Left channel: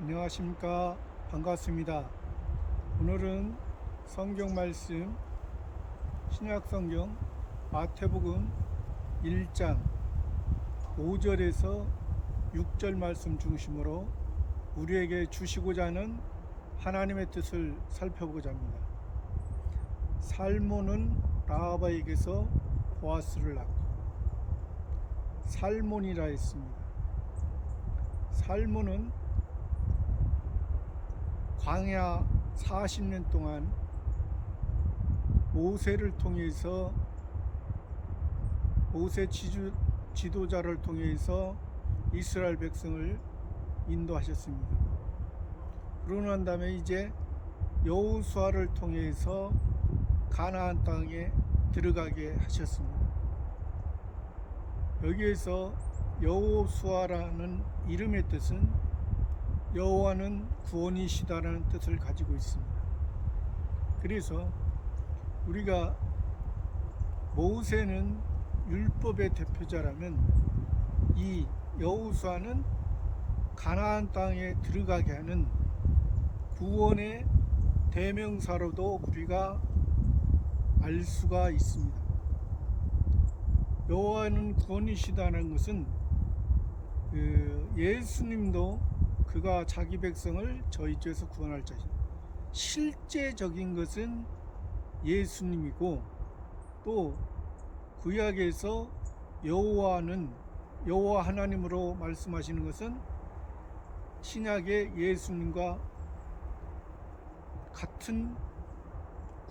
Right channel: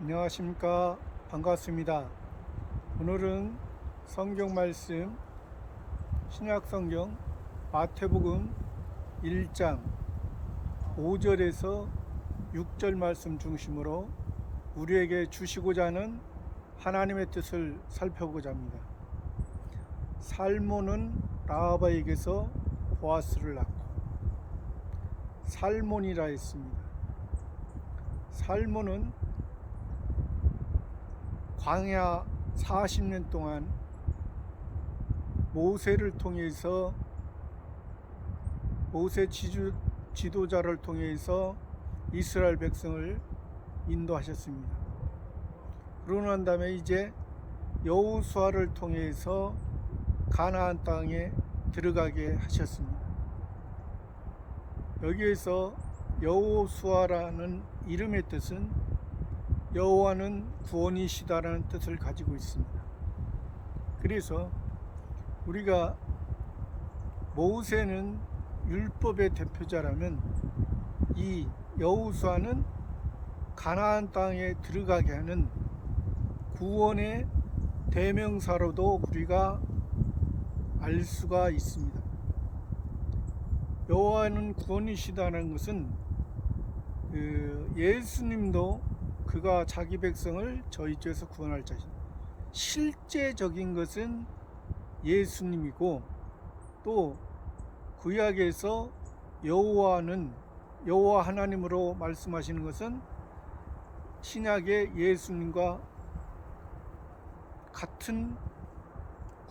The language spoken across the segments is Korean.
안녕하십니까. 반갑습니다. 오늘은 성경 말씀 신약 성경 마태복음 1장 5절에서 6절 말씀 중심으로 우리에게 주시고자 하는 하나님의 뜻을 살펴보고자 합니다. 살몬은 라하바에게서 보아스를 낳고 살몬이라 했습니다. 살몬은 광야 40년 동안 모세를 통해서 모세 지도자를 통해서 이스라엘 백성을 인도하셨습니다. 그러고 난 다음에 이제 여호수아를 통해서 가나안 땅에 들어가게 하셨습니다. 여기에서 여호수아라는 이름의 뜻은 여호와는 구원이시다라는 뜻을 가지고 있습니다. 그래서 우리가 모세는 율법의 대표자라면 이 여호수아는 가나안 땅에 들어가게 하는 구원의 대명사로도 우리가 알 수가 있습니다. 여호와는 구원이시다는 것은 예수님도 그가 자기 백성을 저희 죄에서 구원할 자신, 실제적인 것은 예수님이고, 또 구약에서 여호와 하나님으로 말씀하시는 것은 신약의 예수님과 같은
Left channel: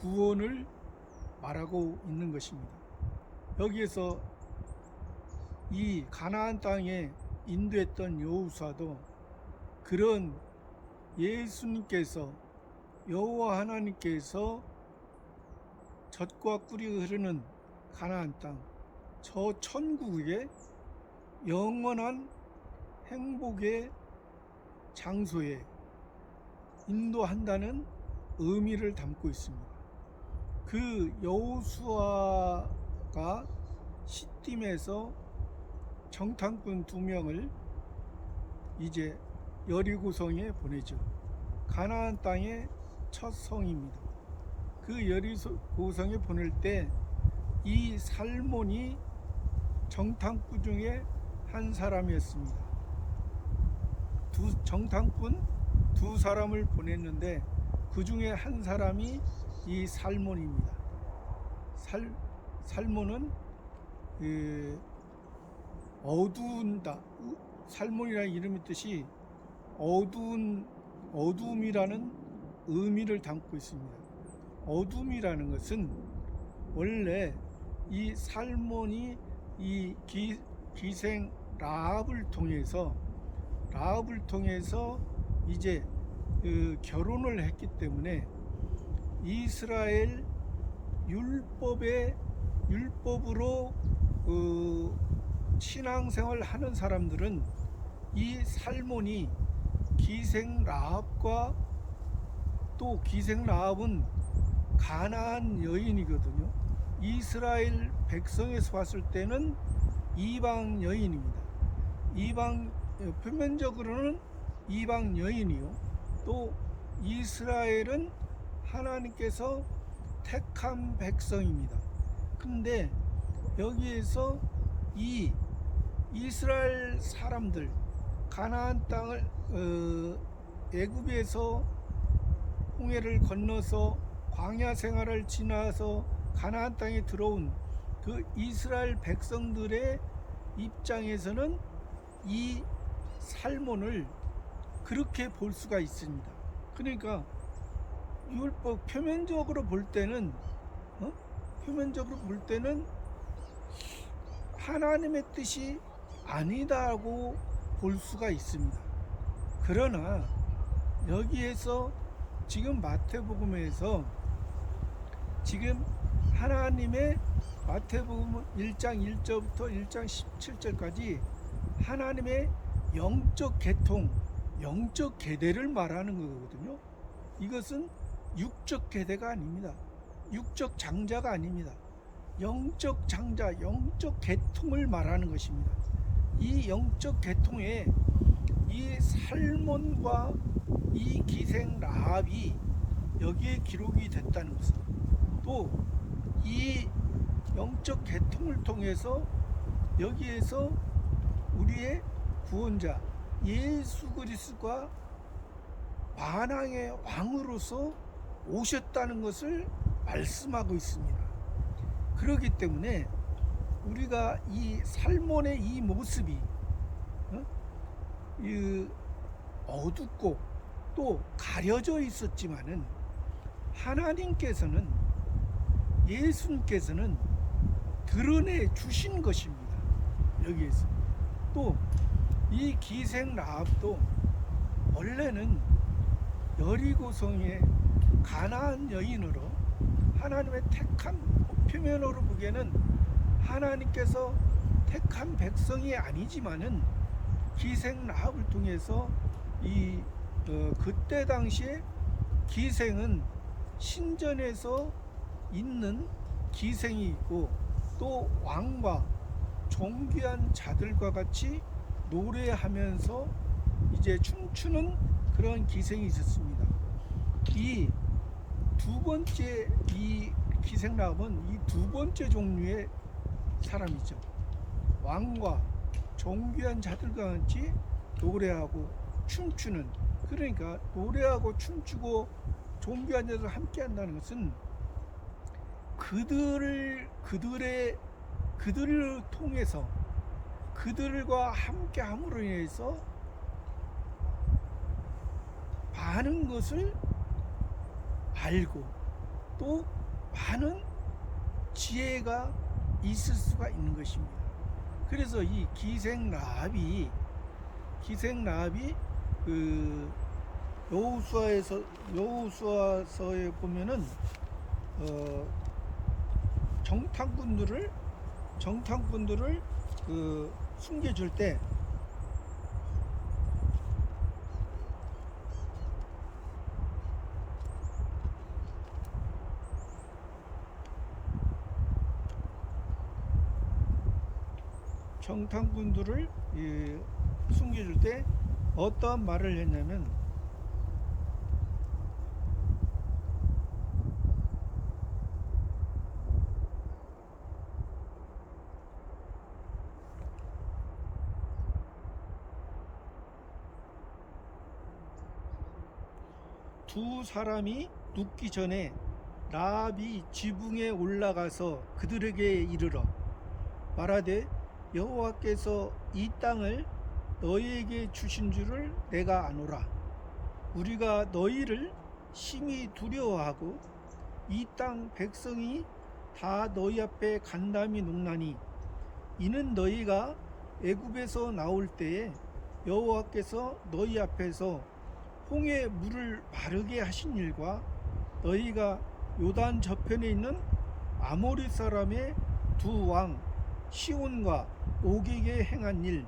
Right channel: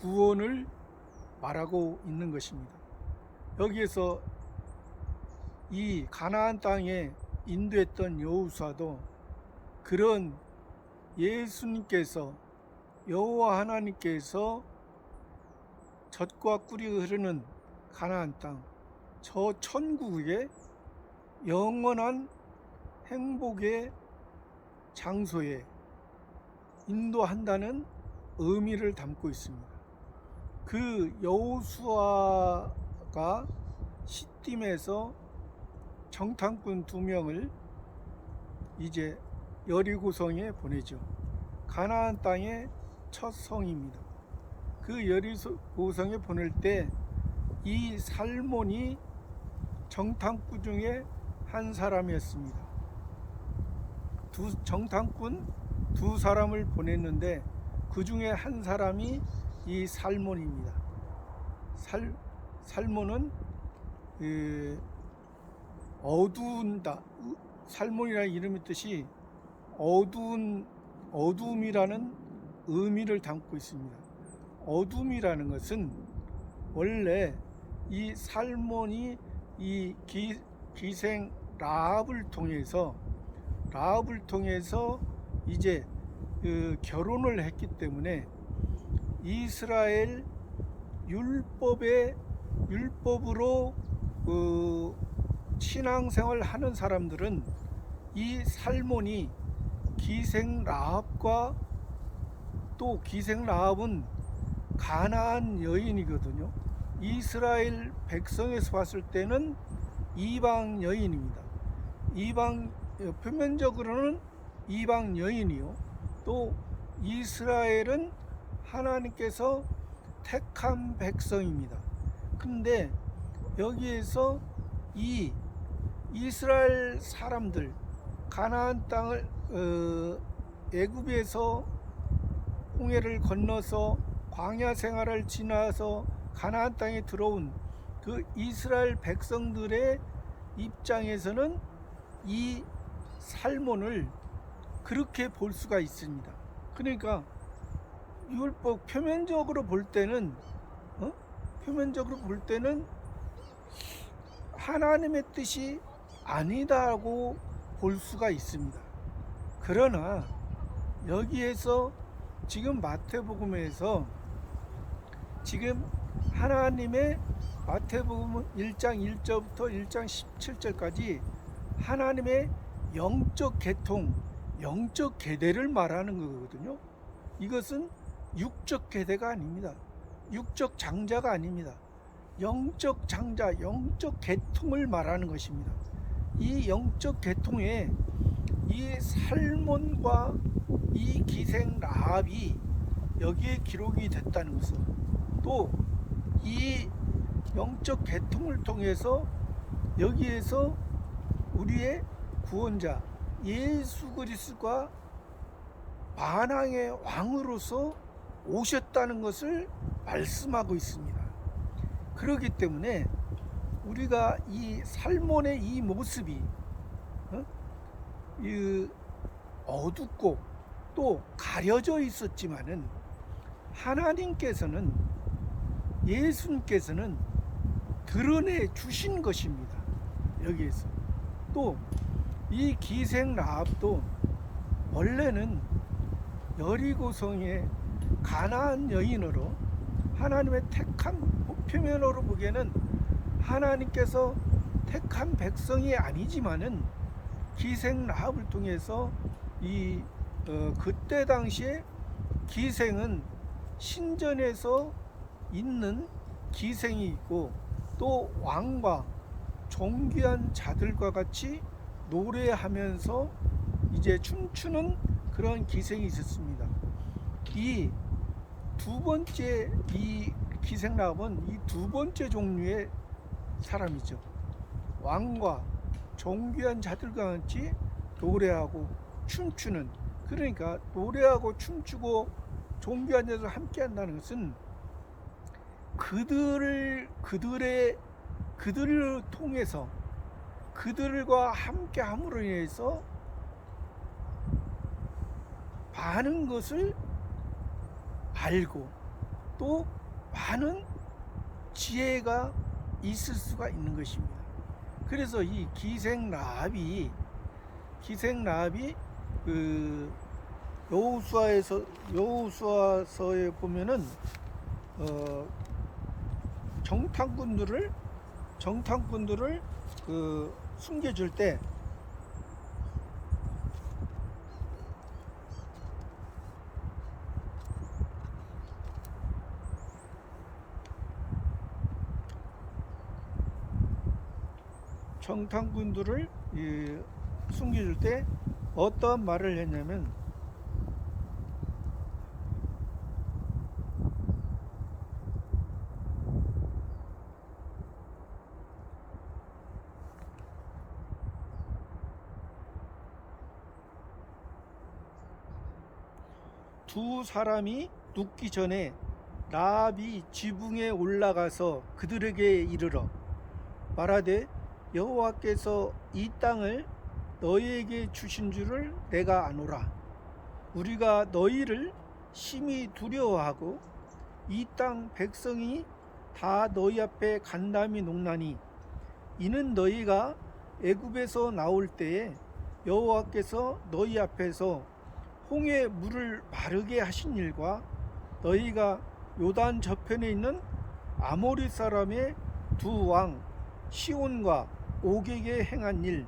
구원을 말하고 있는 것입니다. 여기에서 이 가나안 땅에 인도했던 여호수아도 그런 예수님께서, 여호와 하나님께서 젖과 꿀이 흐르는 가나안 땅, 저 천국의 영원한 행복의 장소에 인도한다는 의미를 담고 있습니다. 그 여호수아가 시딤에서 정탐꾼 2명을 이제 여리고성에 보내죠. 가나안 땅의 첫 성입니다. 그 여리고성에 보낼 때 이 살몬이 정탐꾼 중에 한 사람이었습니다. 정탐꾼 2사람을 보냈는데 그 중에 한 사람이 이 살몬입니다. 살몬은 어두운다. 살몬이라는 이름의 뜻이 어두움이라는 의미를 담고 있습니다. 어둠이라는 것은 원래 이 살몬이 이 기생 라합을 통해서 이제 결혼을 했기 때문에 이스라엘 율법으로 신앙생활을 하는 사람들은 이 살몬이 기생 라합과, 또 기생 라합은 가나안 여인이거든요. 이스라엘 백성에서 봤을 때는 이방 여인입니다. 표면적으로는 이방 여인이요, 또 이스라엘은 하나님께서 택한 백성입니다. 근데 여기에서 이 이스라엘 사람들, 가나안 땅을 애굽에서 홍해를 건너서 광야 생활을 지나서 가나안 땅에 들어온 그 이스라엘 백성들의 입장에서는 이 살몬을 그렇게 볼 수가 있습니다. 그러니까 율법 표면적으로 볼 때는 하나님의 뜻이 아니다고 볼 수가 있습니다. 그러나 여기에서 지금 마태복음에서 지금 하나님의 마태복음 1장 1절부터 1장 17절까지 하나님의 영적 계통, 영적 계대를 말하는 거거든요. 이것은 육적 계대가 아닙니다. 육적 장자가 아닙니다. 영적 장자, 영적 계통을 말하는 것입니다. 이 영적 계통에 이 살몬과 이 기생 라합이 여기에 기록이 됐다는 것은, 또 이 영적 계통을 통해서 여기에서 우리의 구원자 예수 그리스도가 만왕의 왕으로서 오셨다는 것을 말씀하고 있습니다. 그렇기 때문에 우리가 이 살몬의 이 모습이 어둡고 또 가려져 있었지만은, 하나님께서는, 예수님께서는 드러내 주신 것입니다. 여기에서 또 이 기생 라합도 원래는 여리고성의 가나안 여인으로, 하나님의 택한, 표면으로 보기에는 하나님께서 택한 백성이 아니지만은 기생 라합을 통해서 그때 당시에 기생은 신전에서 있는 기생이 있고, 또 왕과 존귀한 자들과 같이 노래하면서 이제 춤추는 그런 기생이 있었습니다. 이 두 번째, 이 기생 라합은 이 두 번째 종류의 사람이죠. 왕과 존귀한 자들과 같이 노래하고 춤추는, 그러니까 노래하고 춤추고 존귀한 자들과 함께 한다는 것은 그들을 통해서, 그들과 함께 함으로 인해서 많은 것을 알고 또 많은 지혜가 있을 수가 있는 것입니다. 그래서 이 기생 라합이 그 여호수아서에 보면은 정탐꾼들을 숨겨줄 때, 숨겨줄 때 어떠한 말을 했냐면, 두 사람이 눕기 전에 라합이 지붕에 올라가서 그들에게 이르러 말하되, 여호와께서 이 땅을 너희에게 주신 줄을 내가 아노라. 우리가 너희를 심히 두려워하고 이 땅 백성이 다 너희 앞에 간담이 녹나니, 이는 너희가 애굽에서 나올 때에 여호와께서 너희 앞에서 홍해 물을 마르게 하신 일과, 너희가 요단 저편에 있는 아모리 사람의 두 왕 시온과 옥에게 행한 일,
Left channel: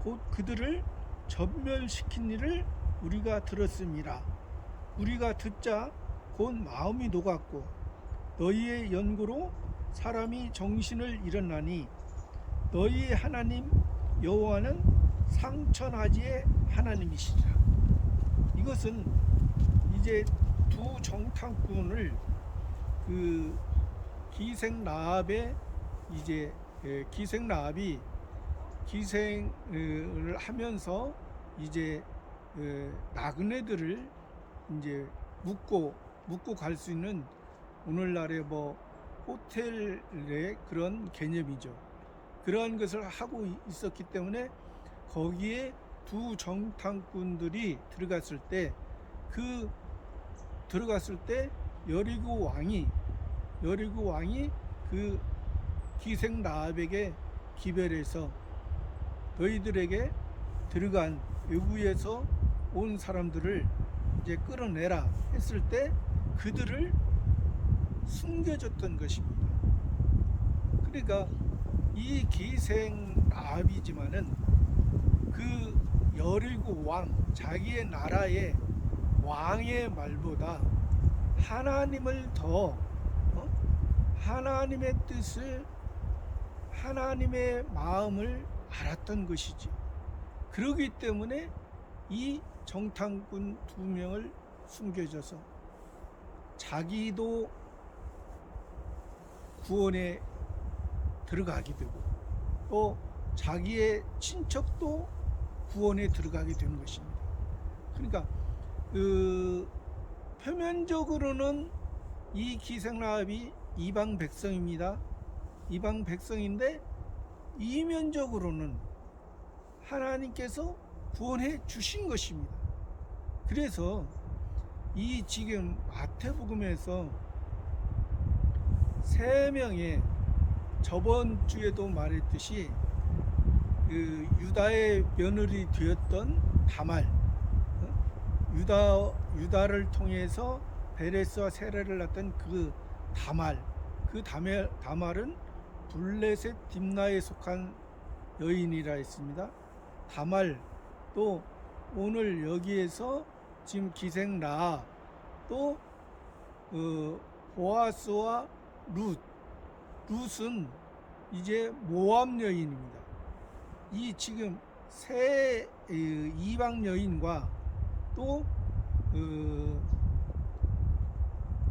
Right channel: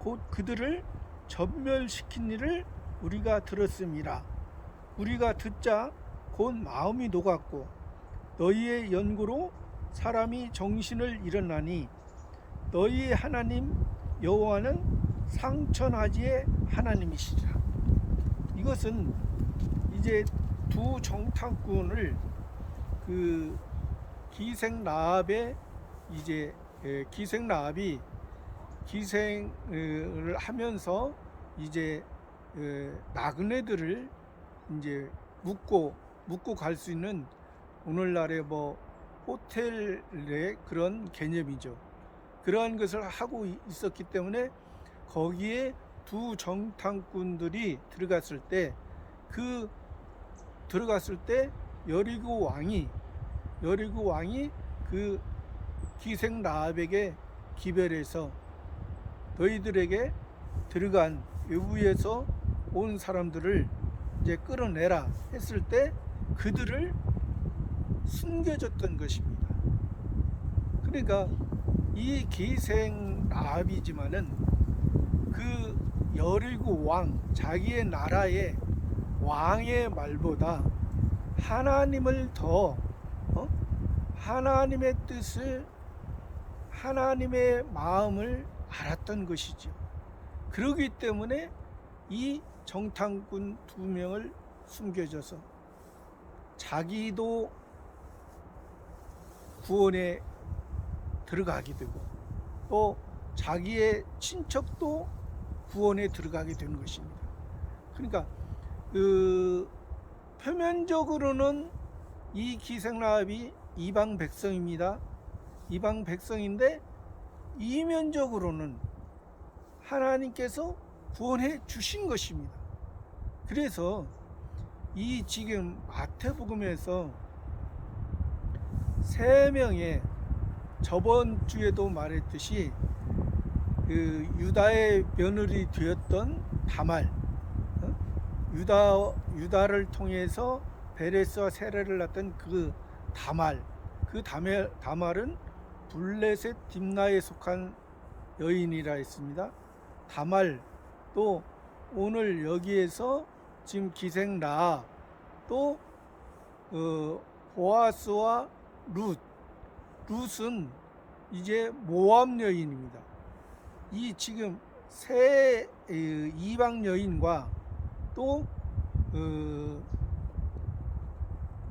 곧 그들을 전멸시킨 일을 우리가 들었음이라. 우리가 듣자 곧 마음이 녹았고 너희의 연고로 사람이 정신을 잃었나니, 너희의 하나님 여호와는 상천하지의 하나님이시라. 이것은 이제 두 정탐꾼을 그 기생 라합의 기생 라합이 기생을 하면서 이제 나그네들을 이제 묵고 갈 수 있는, 오늘날의 뭐 호텔의 그런 개념이죠. 그러한 것을 하고 있었기 때문에 거기에 두 정탐꾼들이 들어갔을 때 여리고 왕이 그 기생 라합에게 기별해서 너희들에게 들어간 외부에서 온 사람들을 이제 끌어내라 했을 때 그들을 숨겨줬던 것입니다. 그러니까 이 기생 라합이지만은 그 여리고 왕, 자기의 나라의 왕의 말보다 하나님을 더 하나님의 뜻을, 하나님의 마음을 알았던 것이죠. 그러기 때문에 이 정탐꾼 2명을 숨겨줘서 자기도 구원에 들어가게 되고 또 자기의 친척도 구원에 들어가게 되는 것입니다. 그러니까 표면적으로는 이 기생라합이 이방 백성입니다. 이방 백성인데 이면적으로는 하나님께서 구원해 주신 것입니다. 그래서 이 지금 마태복음에서 3명의 저번 주에도 말했듯이 유다의 며느리 되었던 다말, 유다를 통해서 베레스와 세라를 낳았던 그 다말은 블레셋 딥나에 속한 여인이라 했습니다. 다말, 또 오늘 여기에서 지금 기생 라합, 또 보아스와 룻은 이제 모압 여인입니다. 이 지금 세 이방 여인과 또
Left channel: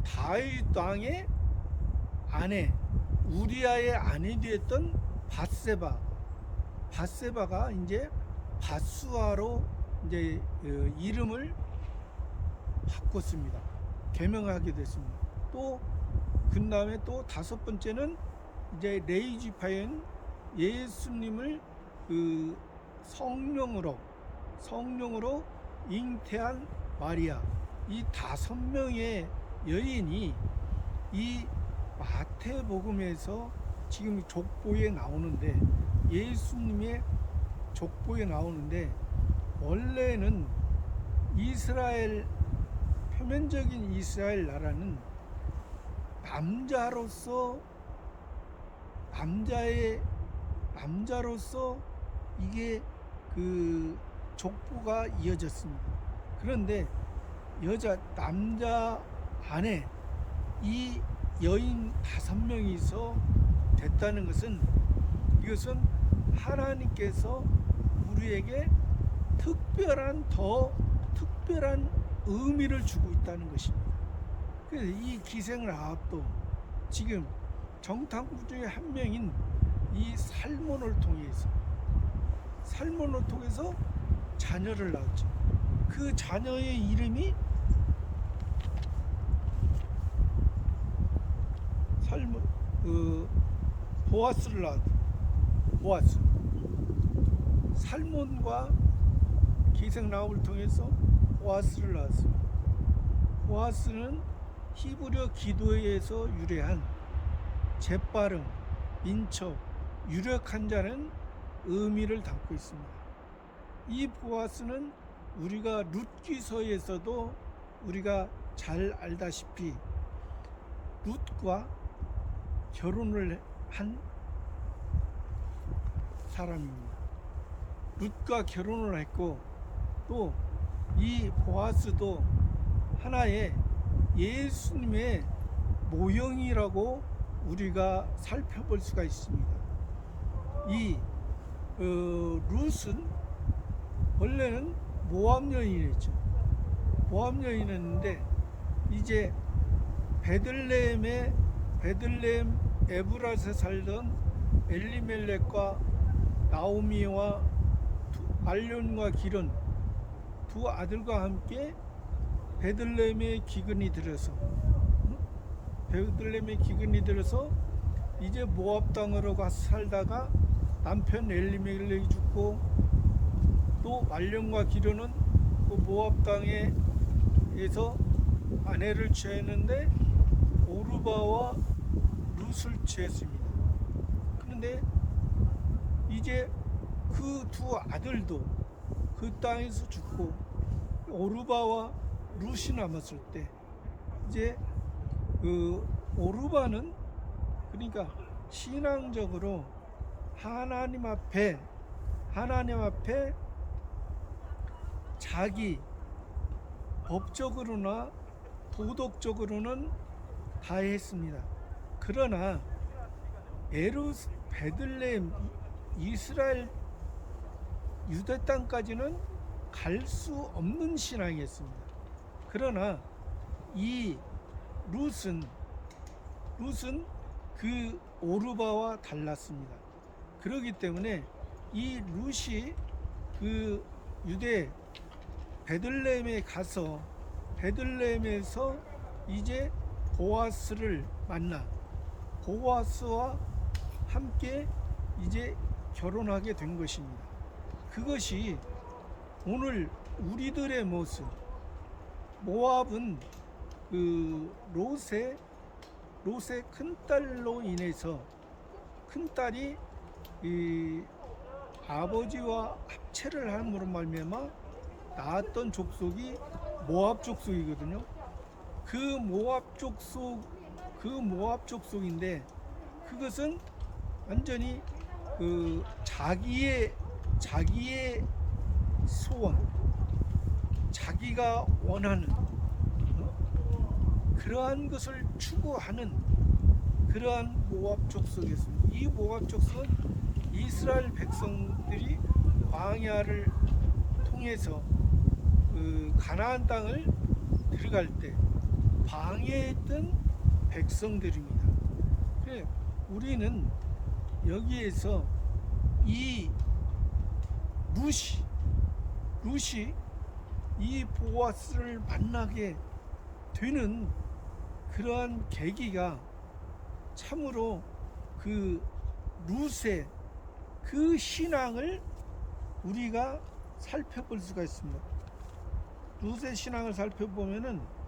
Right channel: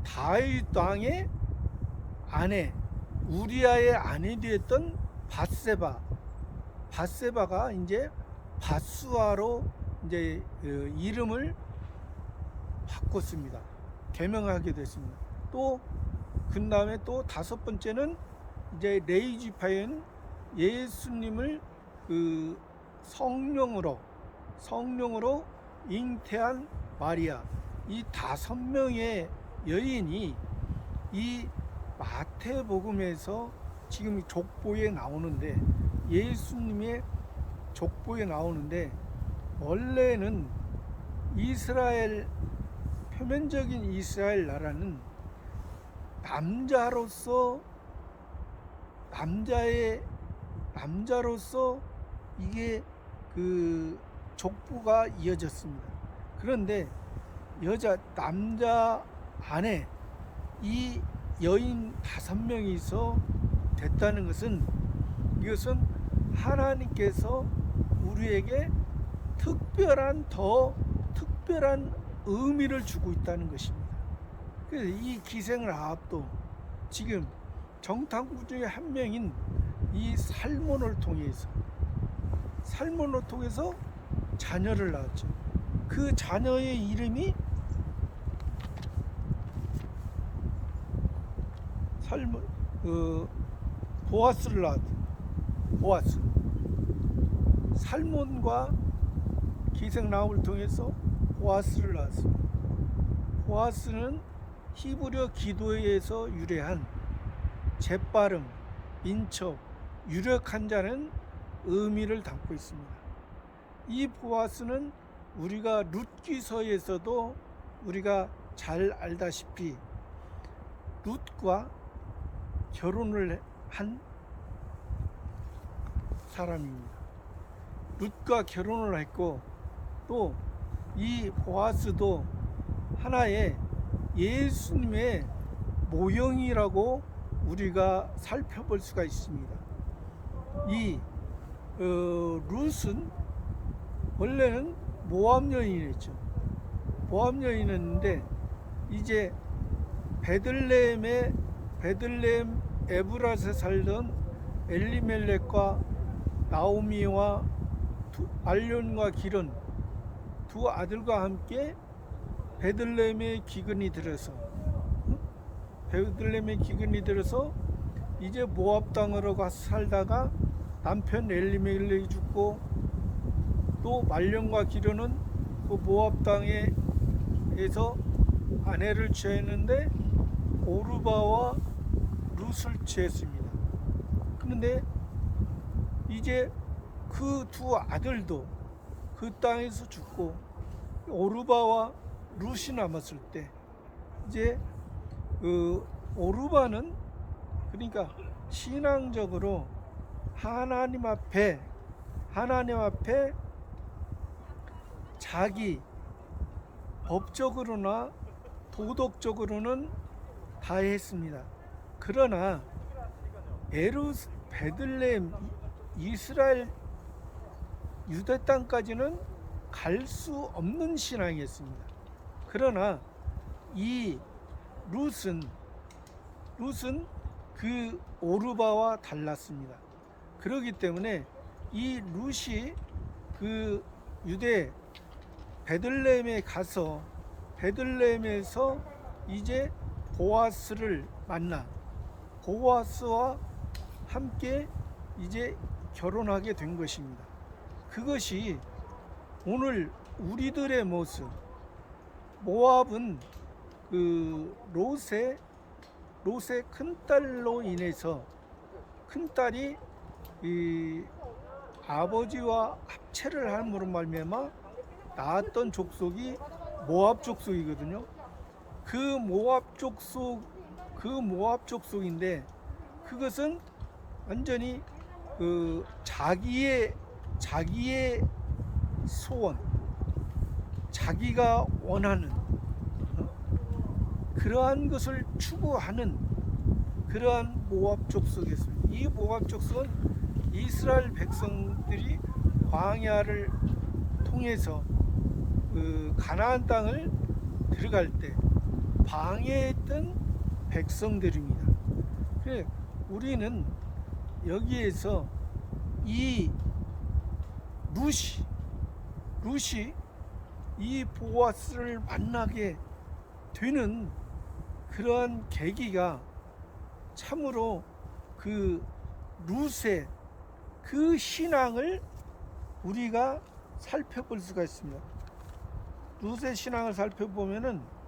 다윗 왕의 아내 우리아의 아내 되었던 밧세바가 이제 밧수아로 이제 이름을 바꿨습니다. 개명하게 됐습니다. 또 그 다음에 또 5번째는 이제 레이지파인 예수님을 성령으로 잉태한 마리아, 이 5명의 여인이 이 마태복음에서 지금 족보에 나오는데, 예수님의 족보에 나오는데, 원래는 표면적인 이스라엘 나라는 남자로서 이게 족보가 이어졌습니다. 그런데 남자 안에 이 여인 5명이서 됐다는 것은, 이것은 하나님께서 우리에게 더 특별한 의미를 주고 있다는 것입니다. 그래서 이 기생 라합도 지금 정탐꾼 중에 한 명인 이 살몬을 통해서 자녀를 낳았죠. 그 자녀의 이름이 보아스를 낳았죠. 보아스. 살몬과 기생 라합을 통해서 보아스를 낳았습니다. 보아스는 히브리어 기도에서 유래한 재빠름, 인척, 유력한 자는 의미를 담고 있습니다. 이 보아스는 우리가 룻기서에서도 우리가 잘 알다시피 룻과 결혼을 한 사람입니다. 룻과 결혼을 했고, 또 이 보아스도 하나의 예수님의 모형이라고 우리가 살펴볼 수가 있습니다. 이 룻은 원래는 모압 여인이었죠. 모압 여인이었는데 이제 베들레헴 에브라스에 살던 엘리멜렉과 나오미와 말론과 기른 2 아들과 함께 베들레헴에 기근이 들어서 이제 모압 땅으로 가서 살다가 남편 엘리멜렉이 죽고, 또 말론과 기른은 그 모압 땅에서 아내를 취했는데 오르바와 룻을 취했습니다. 그런데 이제 그 2 아들도 그 땅에서 죽고 오르바와 룻이 남았을 때, 이제 오르바는 그러니까 신앙적으로 하나님 앞에 자기 법적으로나 도덕적으로는 다 했습니다. 그러나 베들레헴 이스라엘 유대 땅까지는 갈 수 없는 신앙이었습니다. 그러나 이 룻은 그 오르바와 달랐습니다. 그렇기 때문에 이 룻이 그 유대 베들레헴에 가서 베들레헴에서 이제 보아스를 만나 보아스와 함께 이제 결혼하게 된 것입니다. 그것이 오늘 우리들의 모습. 모압은 그 롯의 큰딸로 인해서 큰딸이 이 아버지와 합체를 함으로 말미암아 낳았던 족속이 모압 족속이거든요. 그 모압 족속인데 그것은 완전히 그 자기의 소원, 자기가 원하는 그러한 것을 추구하는 그러한 모압 족속이었습니다. 이 모압 족속은 이스라엘 백성들이 광야를 통해서 그 가나안 땅을 들어갈 때 방해했던 백성들입니다. 우리는 여기에서 이 룻이 이 보아스를 만나게 되는 그러한 계기가 참으로 그 룻의 그 신앙을 우리가 살펴볼 수가 있습니다. 룻의 신앙을 살펴보면은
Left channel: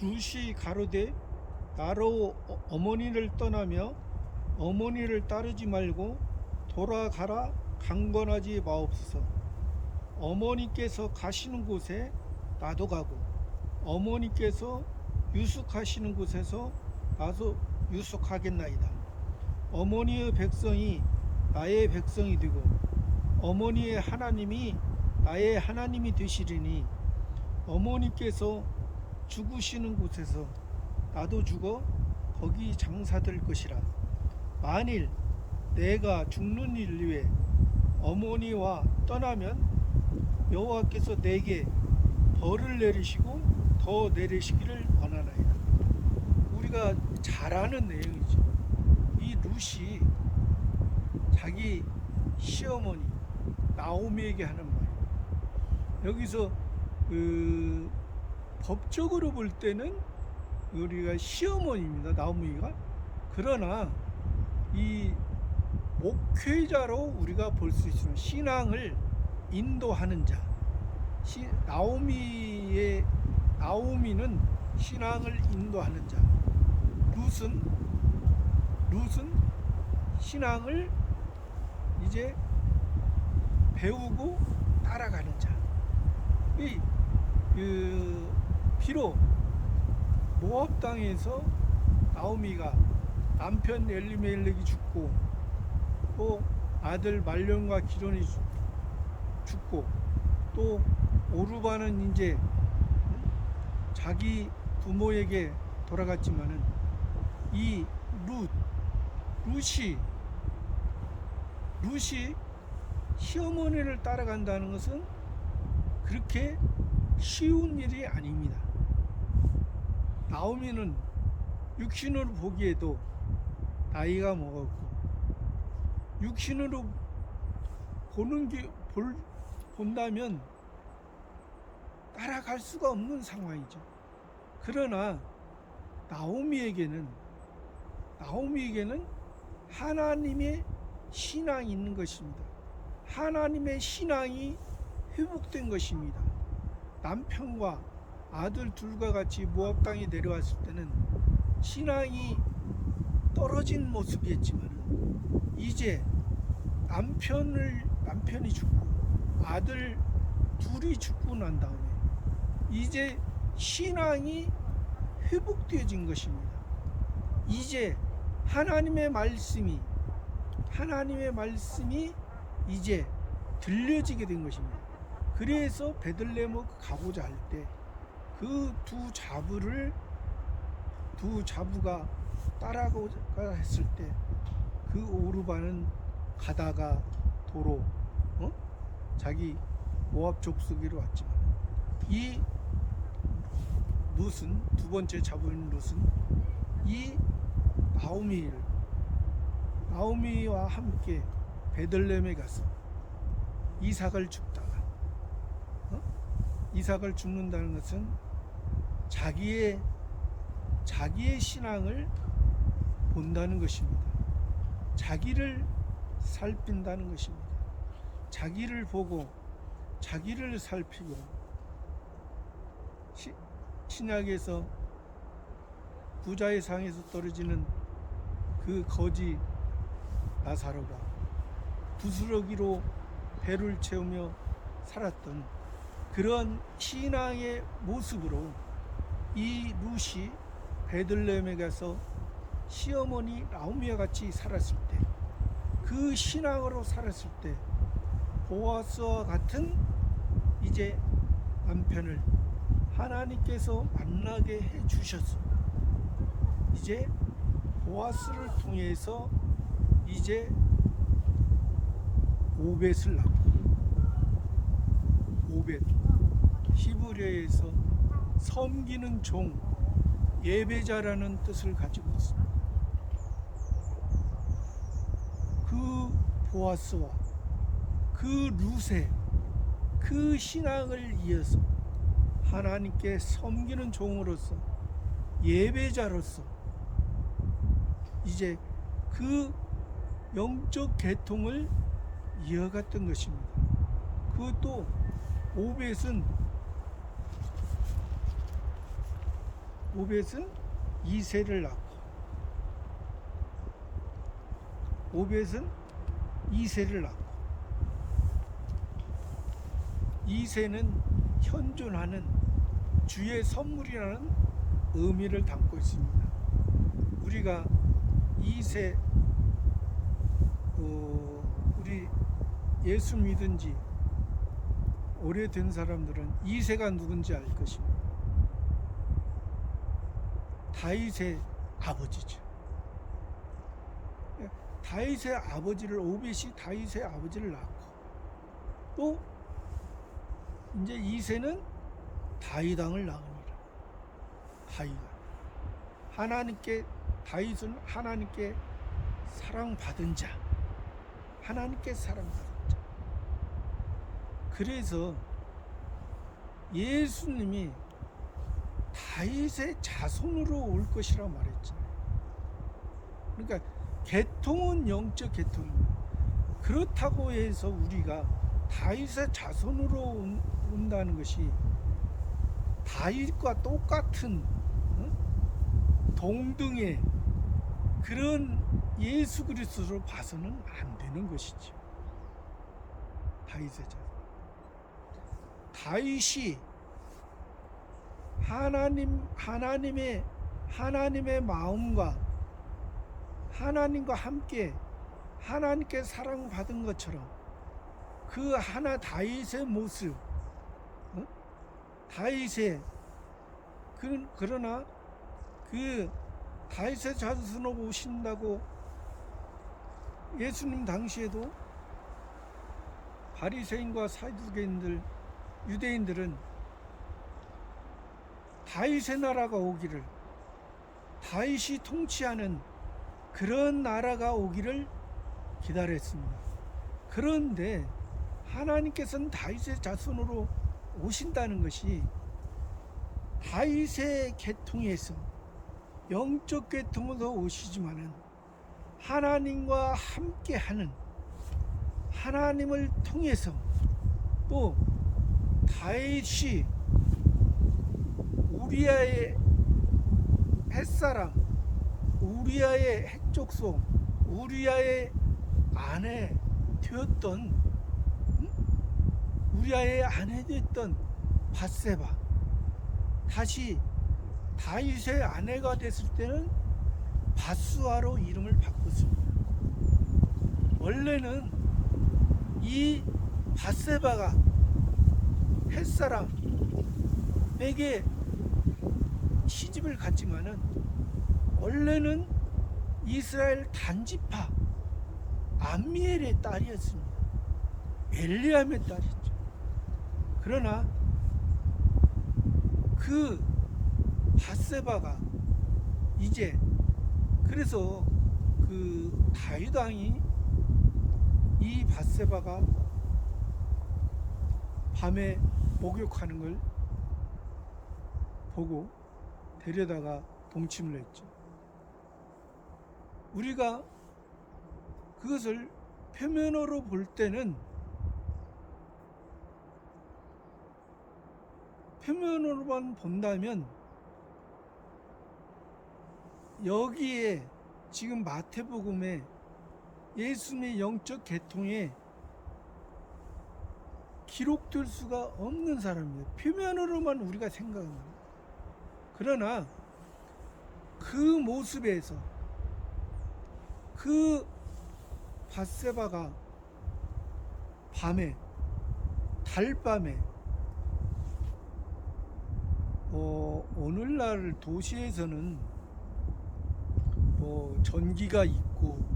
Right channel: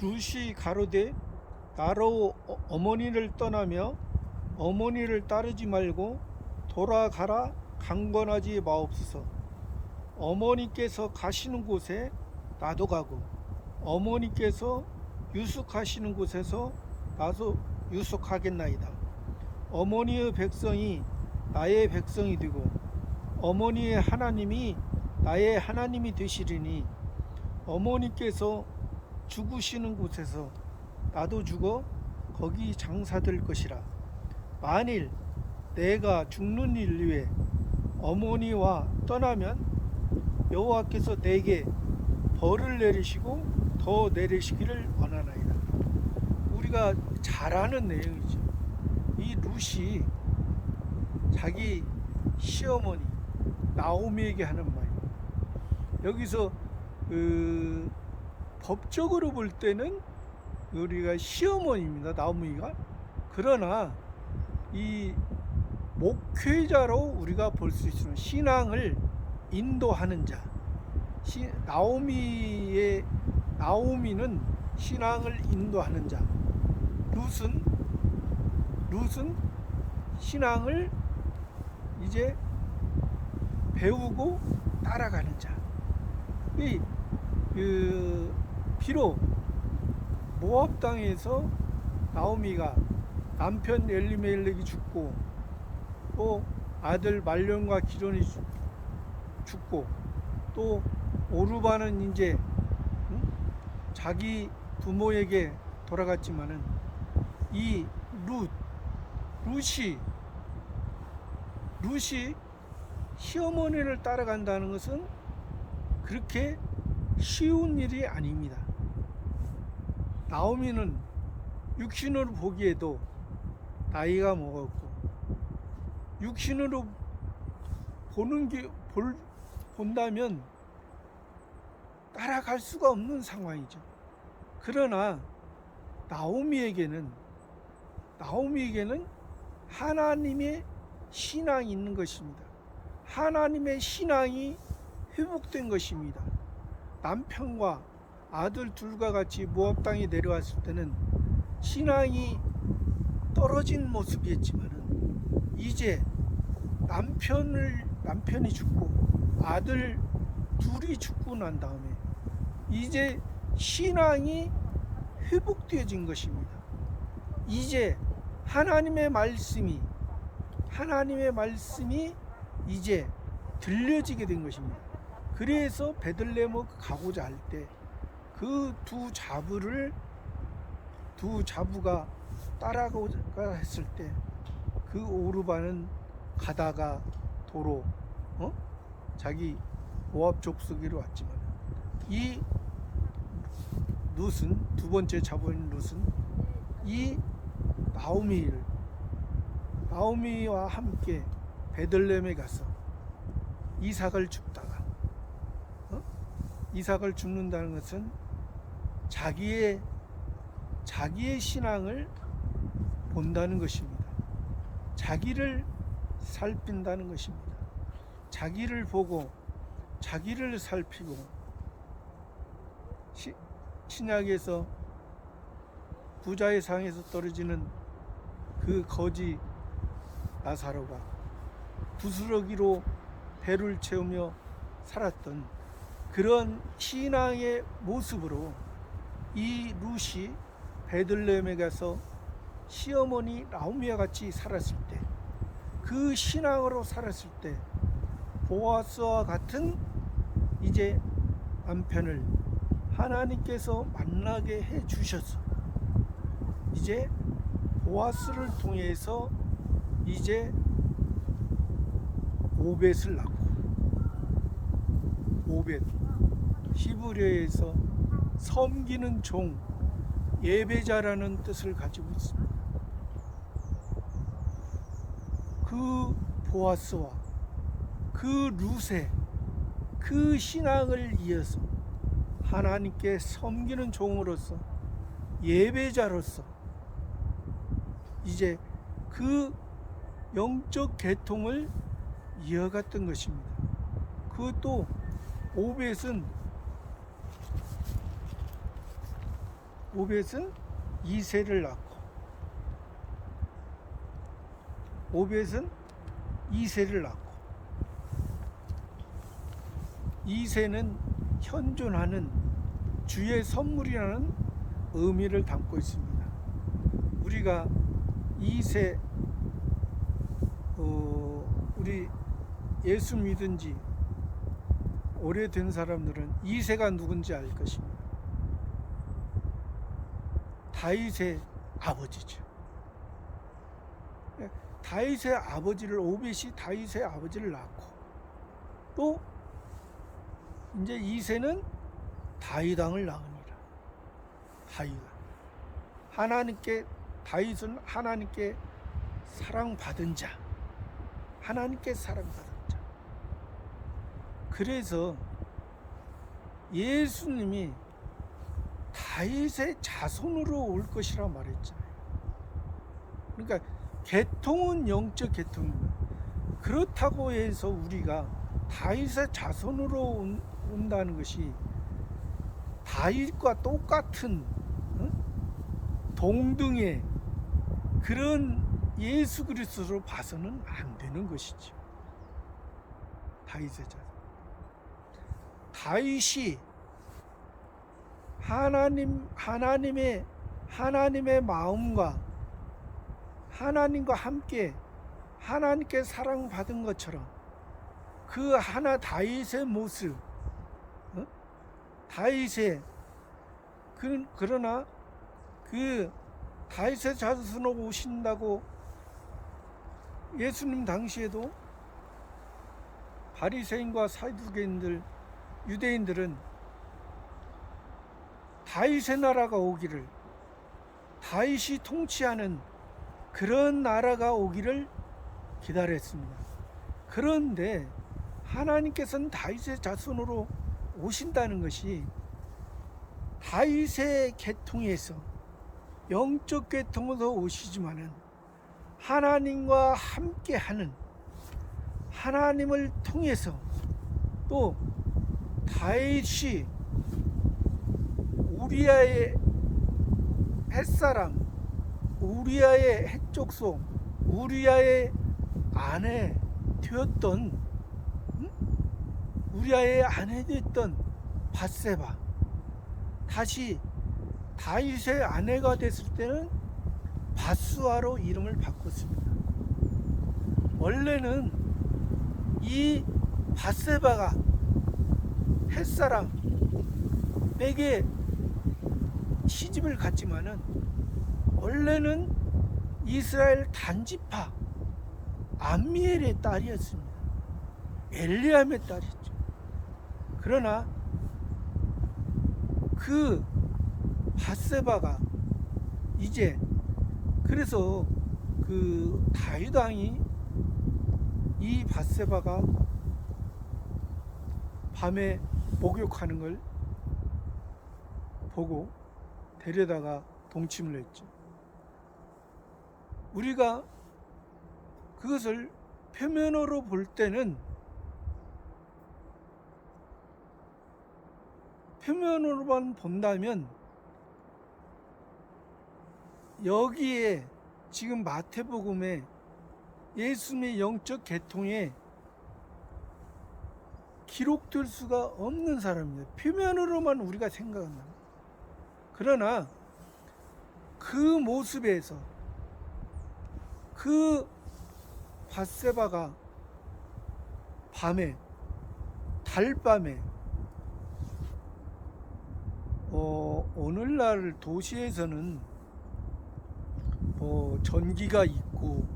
룻이 가로되 나로 어머니를 떠나며 어머니를 따르지 말고 돌아가라 강권하지 마옵소서. 어머니께서 가시는 곳에 나도 가고 어머니께서 유숙하시는 곳에서 나도 유숙하겠나이다. 어머니의 백성이 나의 백성이 되고 어머니의 하나님이 나의 하나님이 되시리니 어머니께서 죽으시는 곳에서 나도 죽어 거기 장사될 것이라. 만일 내가 죽는 일 위에 어머니와 떠나면 여호와께서 내게 벌을 내리시고 더 내리시기를 원하나이다. 우리가 잘 아는 내용이죠. 이 룻이 자기 시어머니 나오미에게 하는 말이에요. 여기서 법적으로 볼 때는 우리가 시어머니입니다. 나오미가. 그러나 이 목회자로 우리가 볼 수 있으면 신앙을 인도하는 자. 나오미는 신앙을 인도하는 자. 룻은 신앙을 이제 배우고 따라가는 자. 비록 모압 땅에서 나오미가 남편 엘리멜렉이 죽고 또 아들 말론과 기론이 죽고 또 오르바는 이제 자기 부모에게 돌아갔지만은 이 룻이 시어머니를 따라간다는 것은 그렇게 쉬운 일이 아닙니다. 나오미는 육신으로 보기에도 나이가 먹었고 육신으로 본다면 따라갈 수가 없는 상황이죠. 그러나 나오미에게는 하나님의 신앙이 있는 것입니다. 하나님의 신앙이 회복된 것입니다. 남편과 아들 둘과 같이 모압 땅에 내려왔을 때는 신앙이 떨어진 모습이었지만 이제 남편이 죽고 아들 둘이 죽고 난 다음에 이제 신앙이 회복되어진 것입니다. 이제 하나님의 말씀이 이제 들려지게 된 것입니다. 그래서 베들레헴 가고자 할 때 그 두 자부가 따라가고자 했을 때 그 오르반은 가다가 도로 자기 모압 족속으로 왔지만 이 룻은 두 번째 자부인 룻은 이 나오미와 함께 베들레헴에 가서 이삭을 줍다가 이삭을 줍는다는 것은 자기의 신앙을 본다는 것입니다. 자기를 살핀다는 것입니다. 자기를 보고 자기를 살피고 신약에서 부자의 상에서 떨어지는 그 거지 나사로가 부스러기로 배를 채우며 살았던 그런 신앙의 모습으로 이 룻이 베들레헴에 가서 시어머니 나오미와 같이 살았을 때, 그 신앙으로 살았을 때 보아스와 같은 이제 남편을 하나님께서 만나게 해 주셨어. 이제 보아스를 통해서 이제 오벳을 낳고, 오벳 히브리어에서 섬기는 종, 예배자라는 뜻을 가지고 있습니다. 그 보아스와 그 룻의 그 신앙을 이어서 하나님께 섬기는 종으로서, 예배자로서 이제 그 영적 계통을 이어갔던 것입니다. 그것도 오벳은 이새를 낳고, 이새는 현존하는 주의 선물이라는 의미를 담고 있습니다. 우리가 이새 우리 예수 믿은 지 오래된 사람들은 이새가 누군지 알 것입니다. 다윗의 아버지죠. 다윗의 아버지를, 오벳이 다윗의 아버지를 낳고, 또 이제 이새는 다윗 왕을 낳습니다. 다윗은 하나님께 사랑받은 자, 그래서 예수님이 다윗의 자손으로 올 것이라 말했잖아요. 그러니까 계통은 영적 계통입니다. 그렇다고 해서 우리가 다윗의 자손으로 온다는 것이 다윗과 똑같은 동등의 그런 예수 그리스도로 봐서는 안 되는 것이죠. 다윗의 자손. 다윗이 하나님의 마음과 하나님과 함께 하나님께 사랑받은 것처럼 그 다윗의 모습, 그러나 그 다윗의 자손으로 오신다고 예수님 당시에도 바리새인과 사두개인들, 유대인들은 다윗의 나라가 오기를, 다윗이 통치하는 그런 나라가 오기를 기다렸습니다. 그런데 하나님께서는 다윗의 자손으로 오신다는 것이 다윗의 계통에서, 영적 계통에서 오시지만은 하나님과 함께하는, 하나님을 통해서 또 다윗이 우리아의 햇사람, 우리아의 핵족속, 우리아의 아내 되었던, 우리아의 아내 되었던 밧세바, 다시 다윗의 아내가 됐을 때는 밧수아로 이름을 바꿨습니다. 원래는 이 밧세바가 햇사람에게 시집을 갔지만은 원래는 이스라엘 단지파 암미엘의 딸이었습니다. 엘리암의 딸이죠. 그러나 그 밧세바가 이제, 그래서 그 다윗 왕이 이 밧세바가 밤에 목욕하는 걸 보고 데려다가 동침을 했죠. 우리가 그것을 표면으로 볼 때는, 표면으로만 본다면 여기에 지금 마태복음에 예수님의 영적 계통에 기록될 수가 없는 사람입니다. 표면으로만 우리가 생각합니다. 그러나 그 모습에서 그 밧세바가 밤에, 달밤에, 오늘날 도시에서는 전기가 있고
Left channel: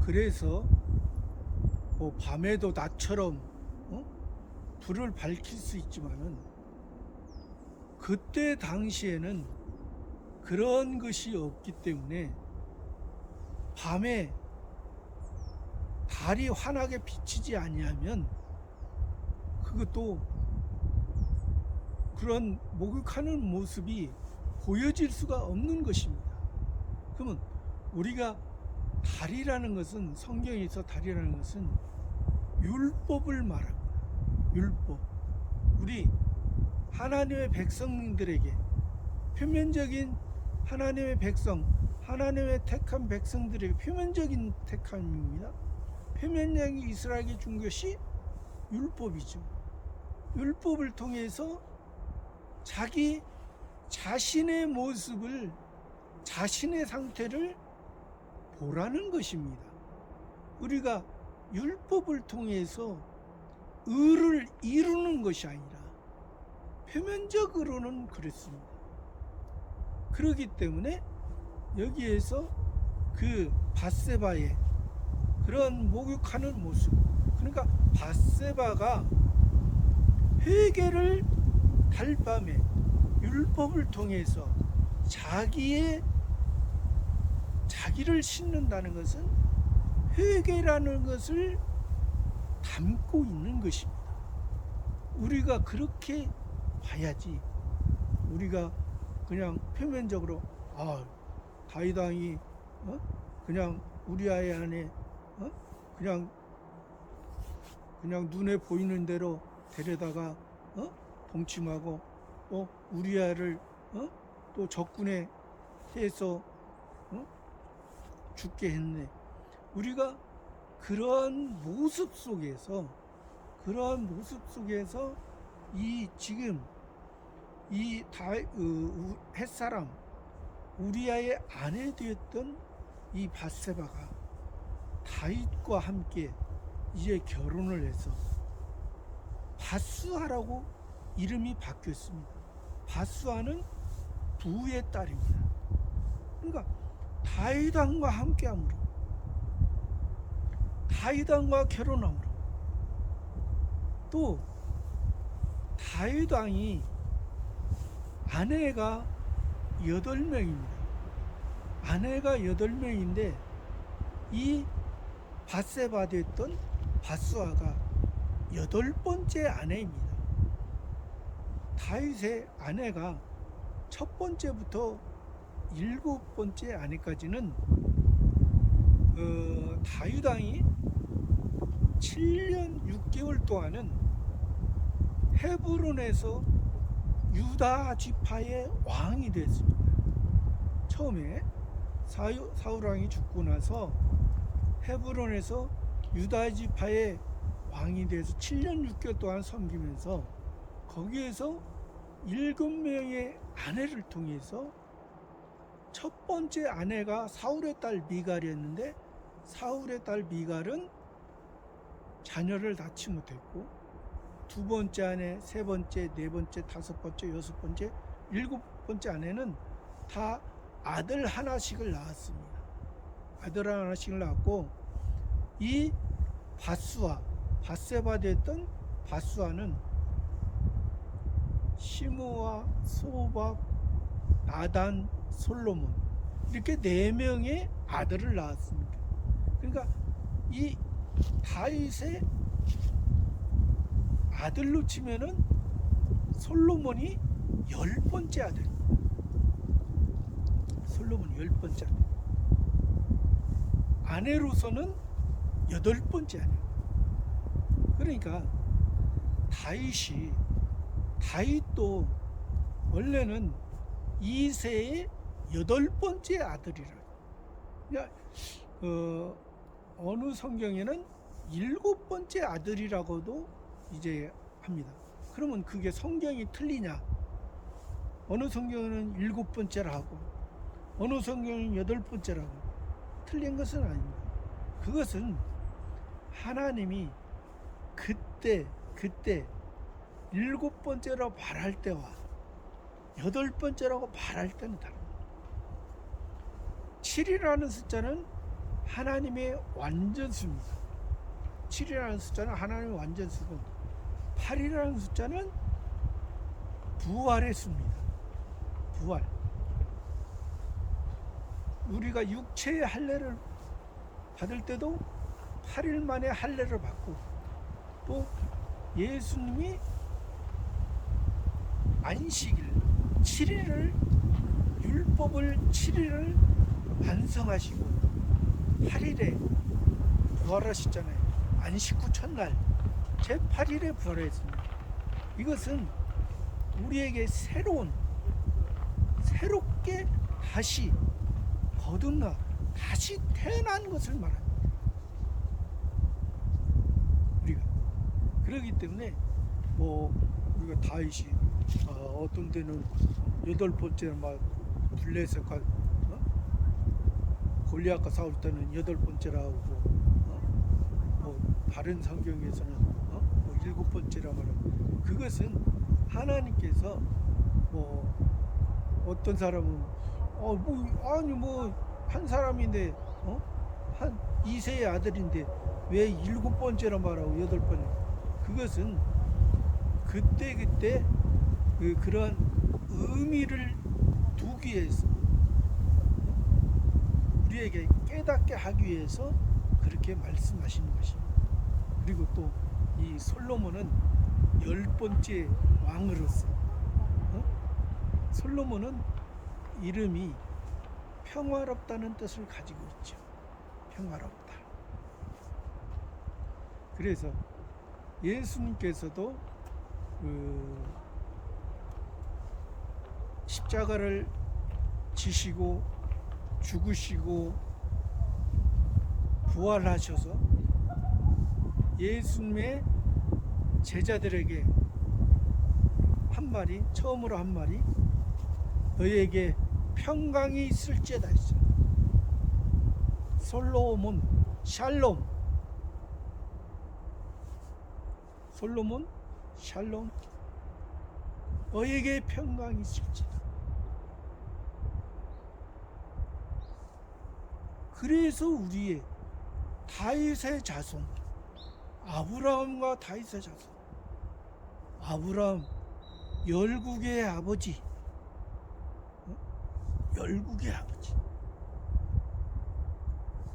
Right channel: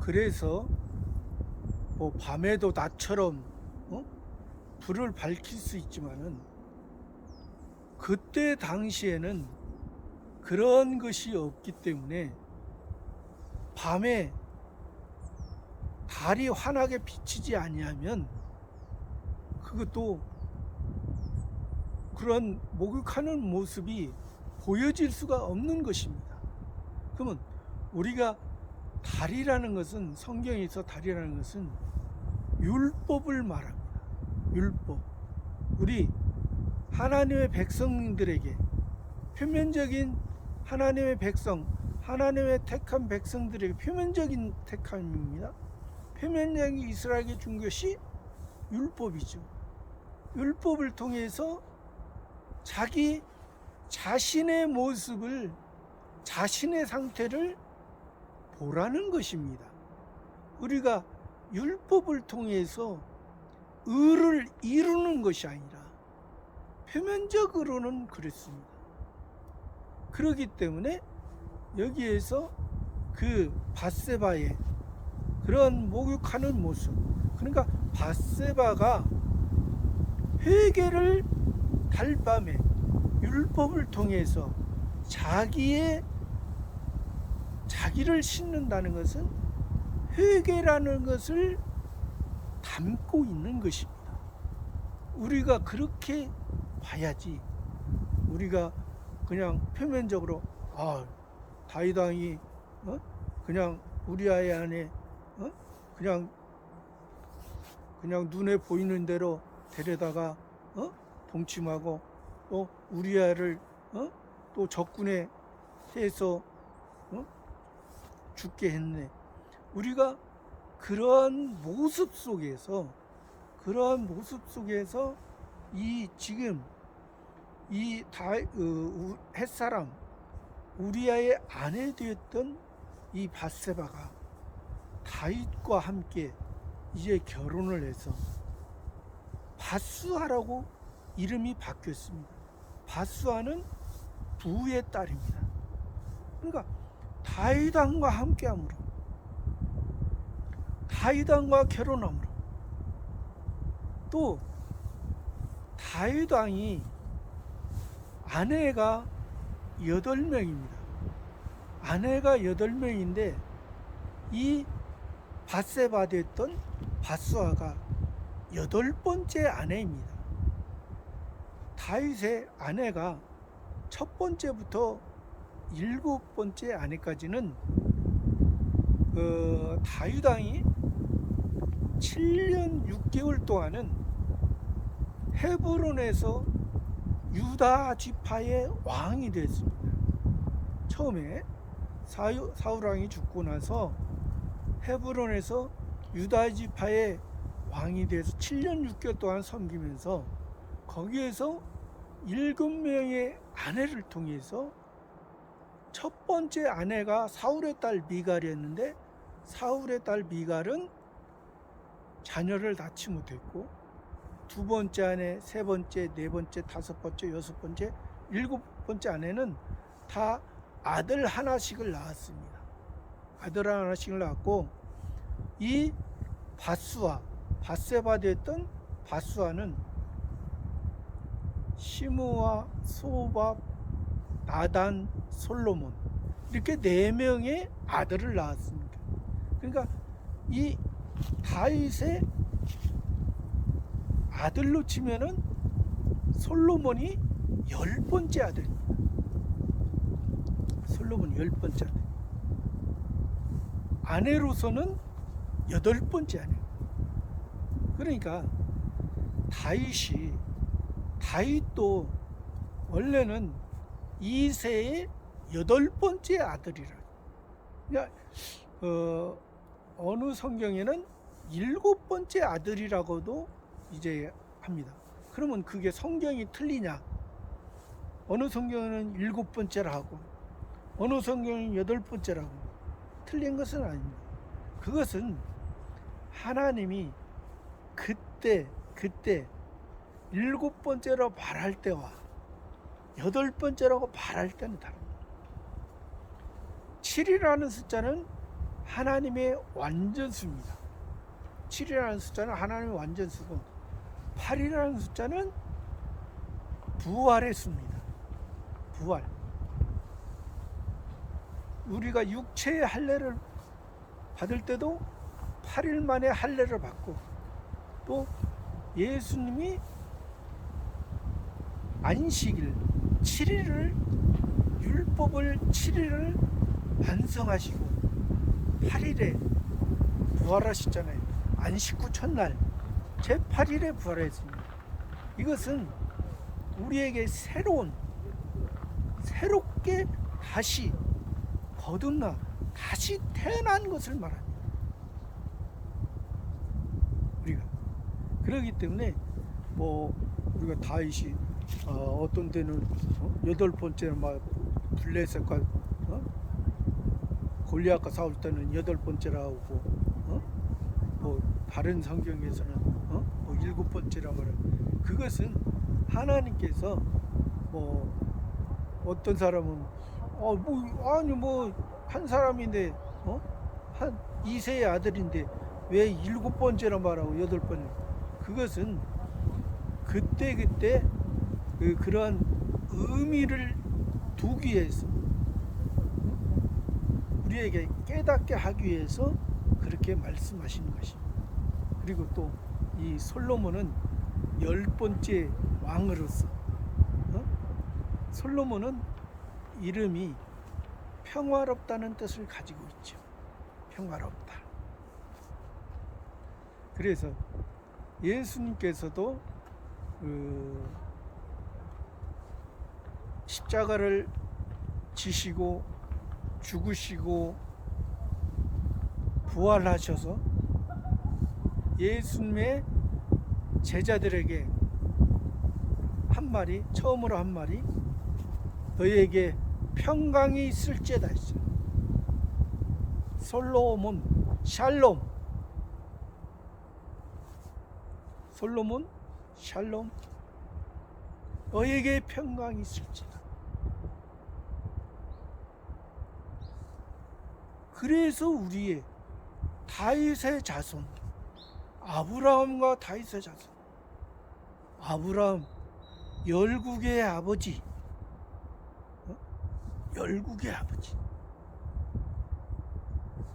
그래서 밤에도 낮처럼 불을 밝힐 수 있지만은, 그때 당시에는 그런 것이 없기 때문에 밤에 달이 환하게 비치지 아니하면 그것도 그런 목욕하는 모습이 보여질 수가 없는 것입니다. 그러면 우리가 달이라는 것은, 성경에서 달이라는 것은 율법을 말합니다. 율법. 우리 하나님의 백성들에게, 표면적인 하나님의 백성, 하나님의 택한 백성들에게 표면적인 택함입니다. 표면적인 이스라엘에게 준 것이 율법이죠. 율법을 통해서 자기 자신의 모습을, 자신의 상태를 보라는 것입니다. 우리가 율법을 통해서 의를 이루는 것이 아니라 표면적으로는 그랬습니다. 그렇기 때문에 여기에서 그 밧세바의 그런 목욕하는 모습, 그러니까 밧세바가 회개를 달밤에 율법을 통해서 자기를 씻는다는 것은 회개라는 것을 담고 있는 것입니다. 우리가 그렇게 봐야지, 우리가 그냥 표면적으로 다윗 왕이 그냥 우리아의 안에 그냥 눈에 보이는 대로 데려다가 동침하고 또 우리아를 또 적군에 해서 죽게 했네. 우리가 그러한 모습 속에서 이 지금 이 햇사람 우리아의 아내 되었던 이 밧세바가 다윗과 함께 이제 결혼을 해서 밧수아라고 이름이 바뀌었습니다. 밧수아는 부의 딸입니다. 그러니까 다윗 왕과 함께함으로, 다윗 왕과 결혼함으로, 또 다윗 왕이 아내가 8명입니다. 아내가 8명인데 이 밧세바 됐던 밧수아가 8번째 아내입니다. 다윗의 아내가 첫 번째부터 7번째 아내까지는 다윗 왕이 7년 6개월 동안은 헤브론에서 유다 지파의 왕이 됐습니다. 처음에 사울 왕이 죽고 나서 헤브론에서 유다 지파의 왕이 돼서 7년 6개월 동안 섬기면서 거기에서 7명의 아내를 통해서 첫 번째 아내가 사울의 딸 미갈이었는데 사울의 딸 미갈은 자녀를 낳지 못했고 두 번째 아내, 세 번째, 네 번째, 다섯 번째, 여섯 번째, 일곱 번째 아내는 다 아들 하나씩을 낳았습니다. 아들 하나씩을 낳았고 이 바세바 됐던 바수아는 시므와 소밥, 나단, 솔로몬 이렇게 4명의 아들을 낳았습니다. 그러니까 이 다윗의 아들로 치면은 솔로몬이 10번째 아들입니다. 솔로몬이 10번째 아들. 아내로서는 8번째 아내. 그러니까 다윗도 원래는 이새의 8번째 아들이라. 그러니까 어느 성경에는 7번째 아들이라고도 이제 합니다. 그러면 그게 성경이 틀리냐? 어느 성경은 7번째라 하고 어느 성경은 8번째라고 틀린 것은 아닙니다. 그것은 하나님이 그때 7번째로 말할 때와 8번째라고 말할 때는 다릅니다. 7이라는 숫자는 하나님의 완전수입니다. 7이라는 숫자는 하나님의 완전수고 8이라는 숫자는 부활의 수입니다. 부활. 우리가 육체의 할례를 받을 때도 8일 만에 할례를 받고 또 예수님이 안식일 7일을 율법을 7일을 완성하시고 8일에 부활하셨잖아요. 안식 후 첫날 제8일에 부활했습니다. 이것은 우리에게 새롭게 다시 거듭나 다시 태어난 것을 말합니다. 우리가 그렇기 때문에 우리가 다윗이 어떤 때는 8번째 막 블레셋과 골리앗과 싸울 때는 8번째라고 하고 다른 성경에서는 7번째라고 하는 그것은 하나님께서 어떤 사람은 한 사람인데 한 이세의 아들인데 왜 7번째라 말하고 8번째 그것은 그때 그런 의미를 두기 위해서 우리에게 깨닫게 하기 위해서 그렇게 말씀하시는 것입니다. 그리고 또 이 솔로몬은 10번째 왕으로서 솔로몬은 이름이 평화롭다는 뜻을 가지고 있죠. 평화롭다. 그래서 예수님께서도 십자가를 지시고 죽으시고 부활하셔서 예수님의 제자들에게 처음으로 한 말이 너희에게 평강이 있을지어다 했어요. 솔로몬 샬롬 너희에게 평강이 있을지어다. 그래서 우리의 다윗의 자손 아브라함과 다윗의 자손 아브라함 열국의 아버지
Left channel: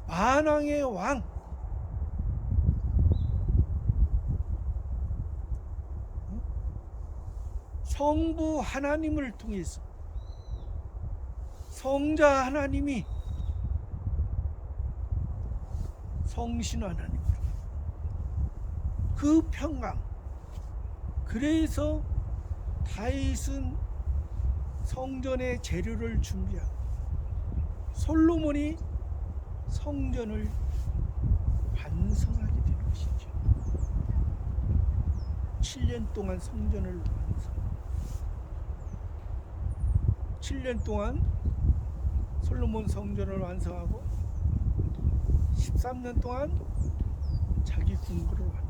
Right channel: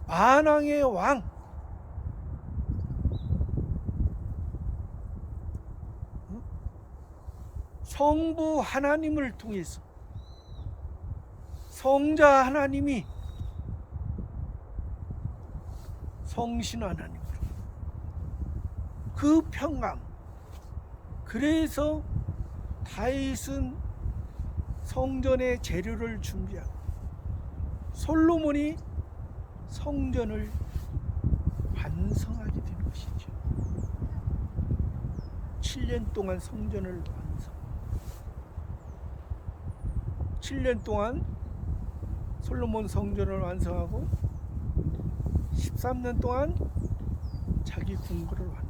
만왕의 왕 성부 하나님을 통해서 성자 하나님이 성신 하나님으로 그 평강, 그 그래서 다윗은 성전의 재료를 준비하고 솔로몬이 성전을 완성하게 되는 것이죠. 7년 동안 성전을 완성. 7년 동안 솔로몬 성전을 완성하고 13년 동안 자기 궁궐을 완성.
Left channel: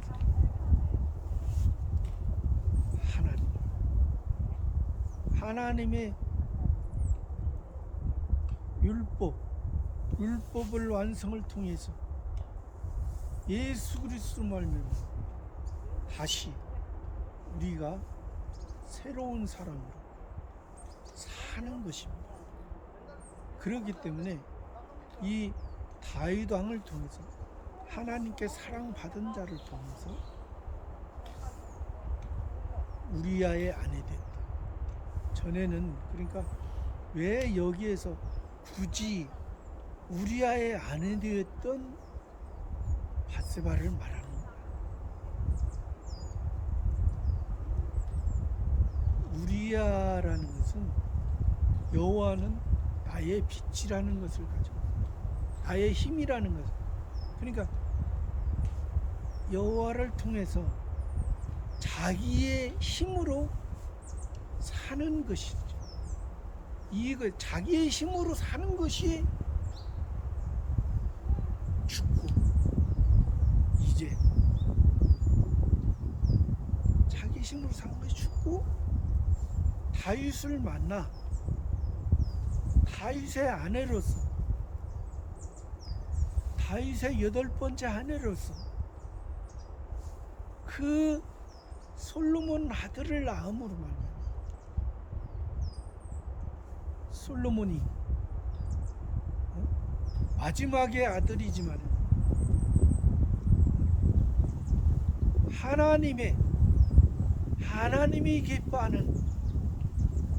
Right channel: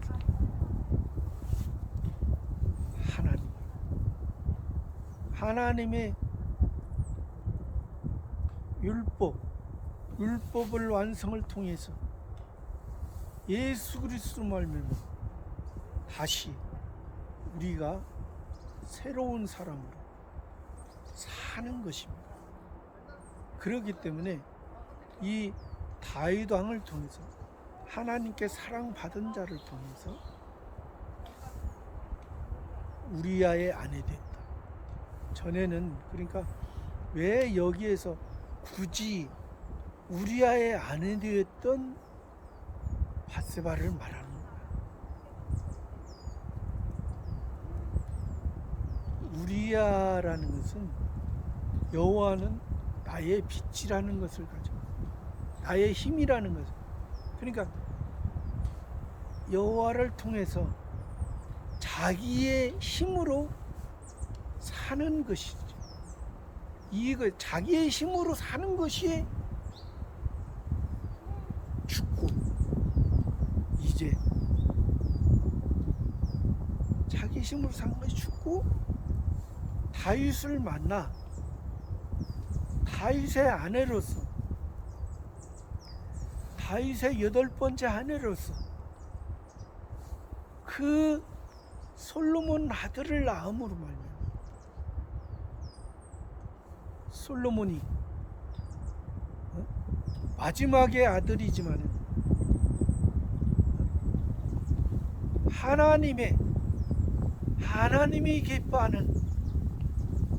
하나님의 율법을 완성을 통해서 예수 그리스도 말미암아 다시 우리가 새로운 사람으로 사는 것입니다. 그렇기 때문에 이 다윗 왕을 통해서 하나님께 사랑받은 자를 통해서 우리아의 아내 되었다. 전에는 그러니까 왜 여기에서 굳이 우리아의 아내 되었던 밧세바를 말하는 거야. 우리아라는 것은 여호와는 나의 빛이라는 것을 가지고 나의 힘이라는 것을, 그러니까 여호와를 통해서 자기의 힘으로 사는 것이죠. 이거 자기의 힘으로 사는 것이 죽고, 이제 자기 힘으로 사는 것이 죽고 다윗을 만나 다윗의 아내로서, 다윗의 8번째 아내로서 그 솔로몬 아들을 낳음으로 말미암아 솔로몬이 마지막의 아들이지만 하나님이 기뻐하는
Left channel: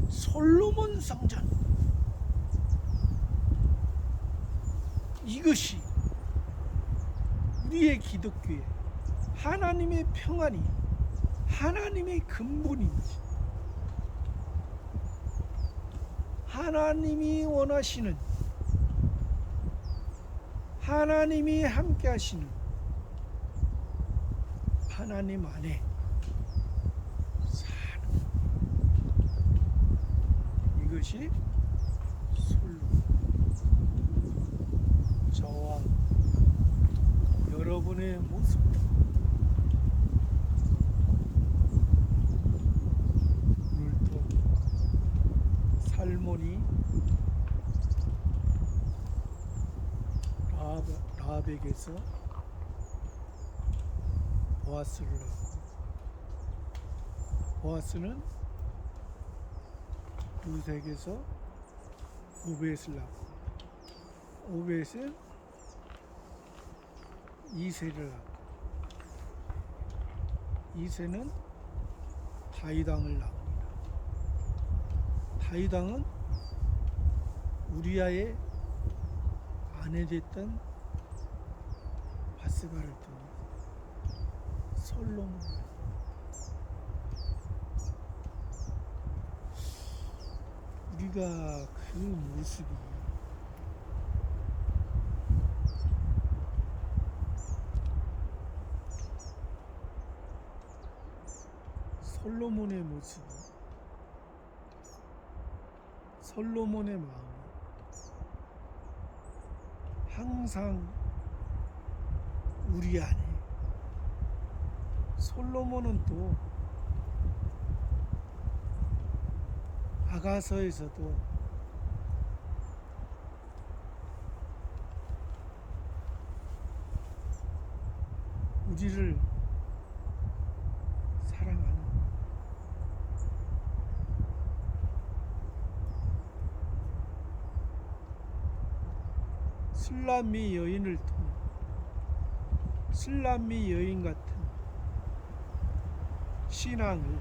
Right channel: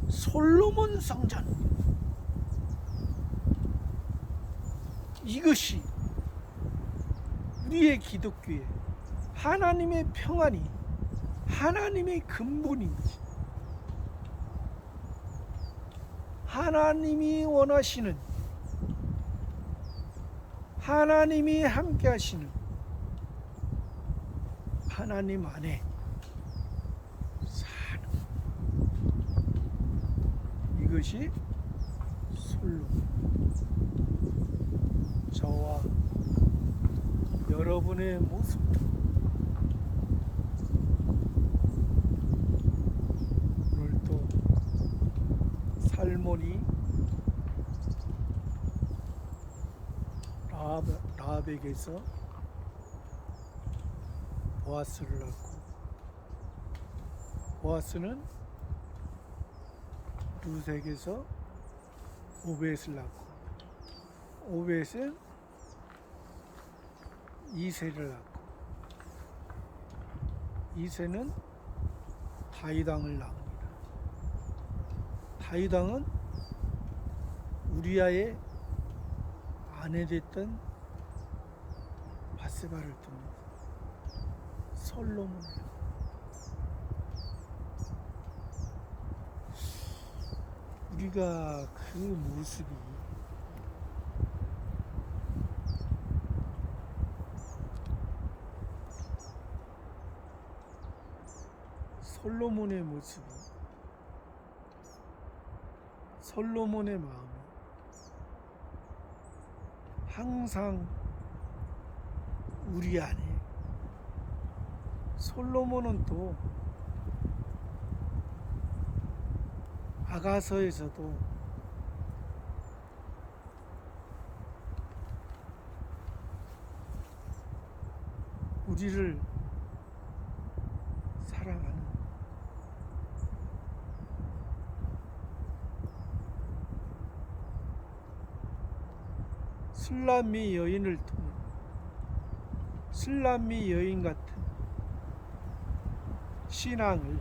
솔로몬 성전, 이것이 우리의 기독교의 하나님의 평안이, 하나님의 근본이지. 하나님이 원하시는, 하나님이 함께 하시는 하나님 안에 사는, 이것이 솔로몬. 저와 여러분의 모습도 오늘도 살몬이 라합에게서 보아스를 낳고, 보아스는 룻에게서 오벳을 낳고, 오벳은 이새를 낳고, 이새는 다윗 왕을 낳습니다. 다윗 왕은 우리아의 아내 됐던 밧세바를 통해 솔로몬, 우리가 그 모습이 솔로몬의 모습이, 솔로몬의 마음이 항상 우리 안에, 솔로몬은 또 아가서에서도 우리를 사랑하는, 술람미 여인을 통해 술람미 여인 같은 신앙을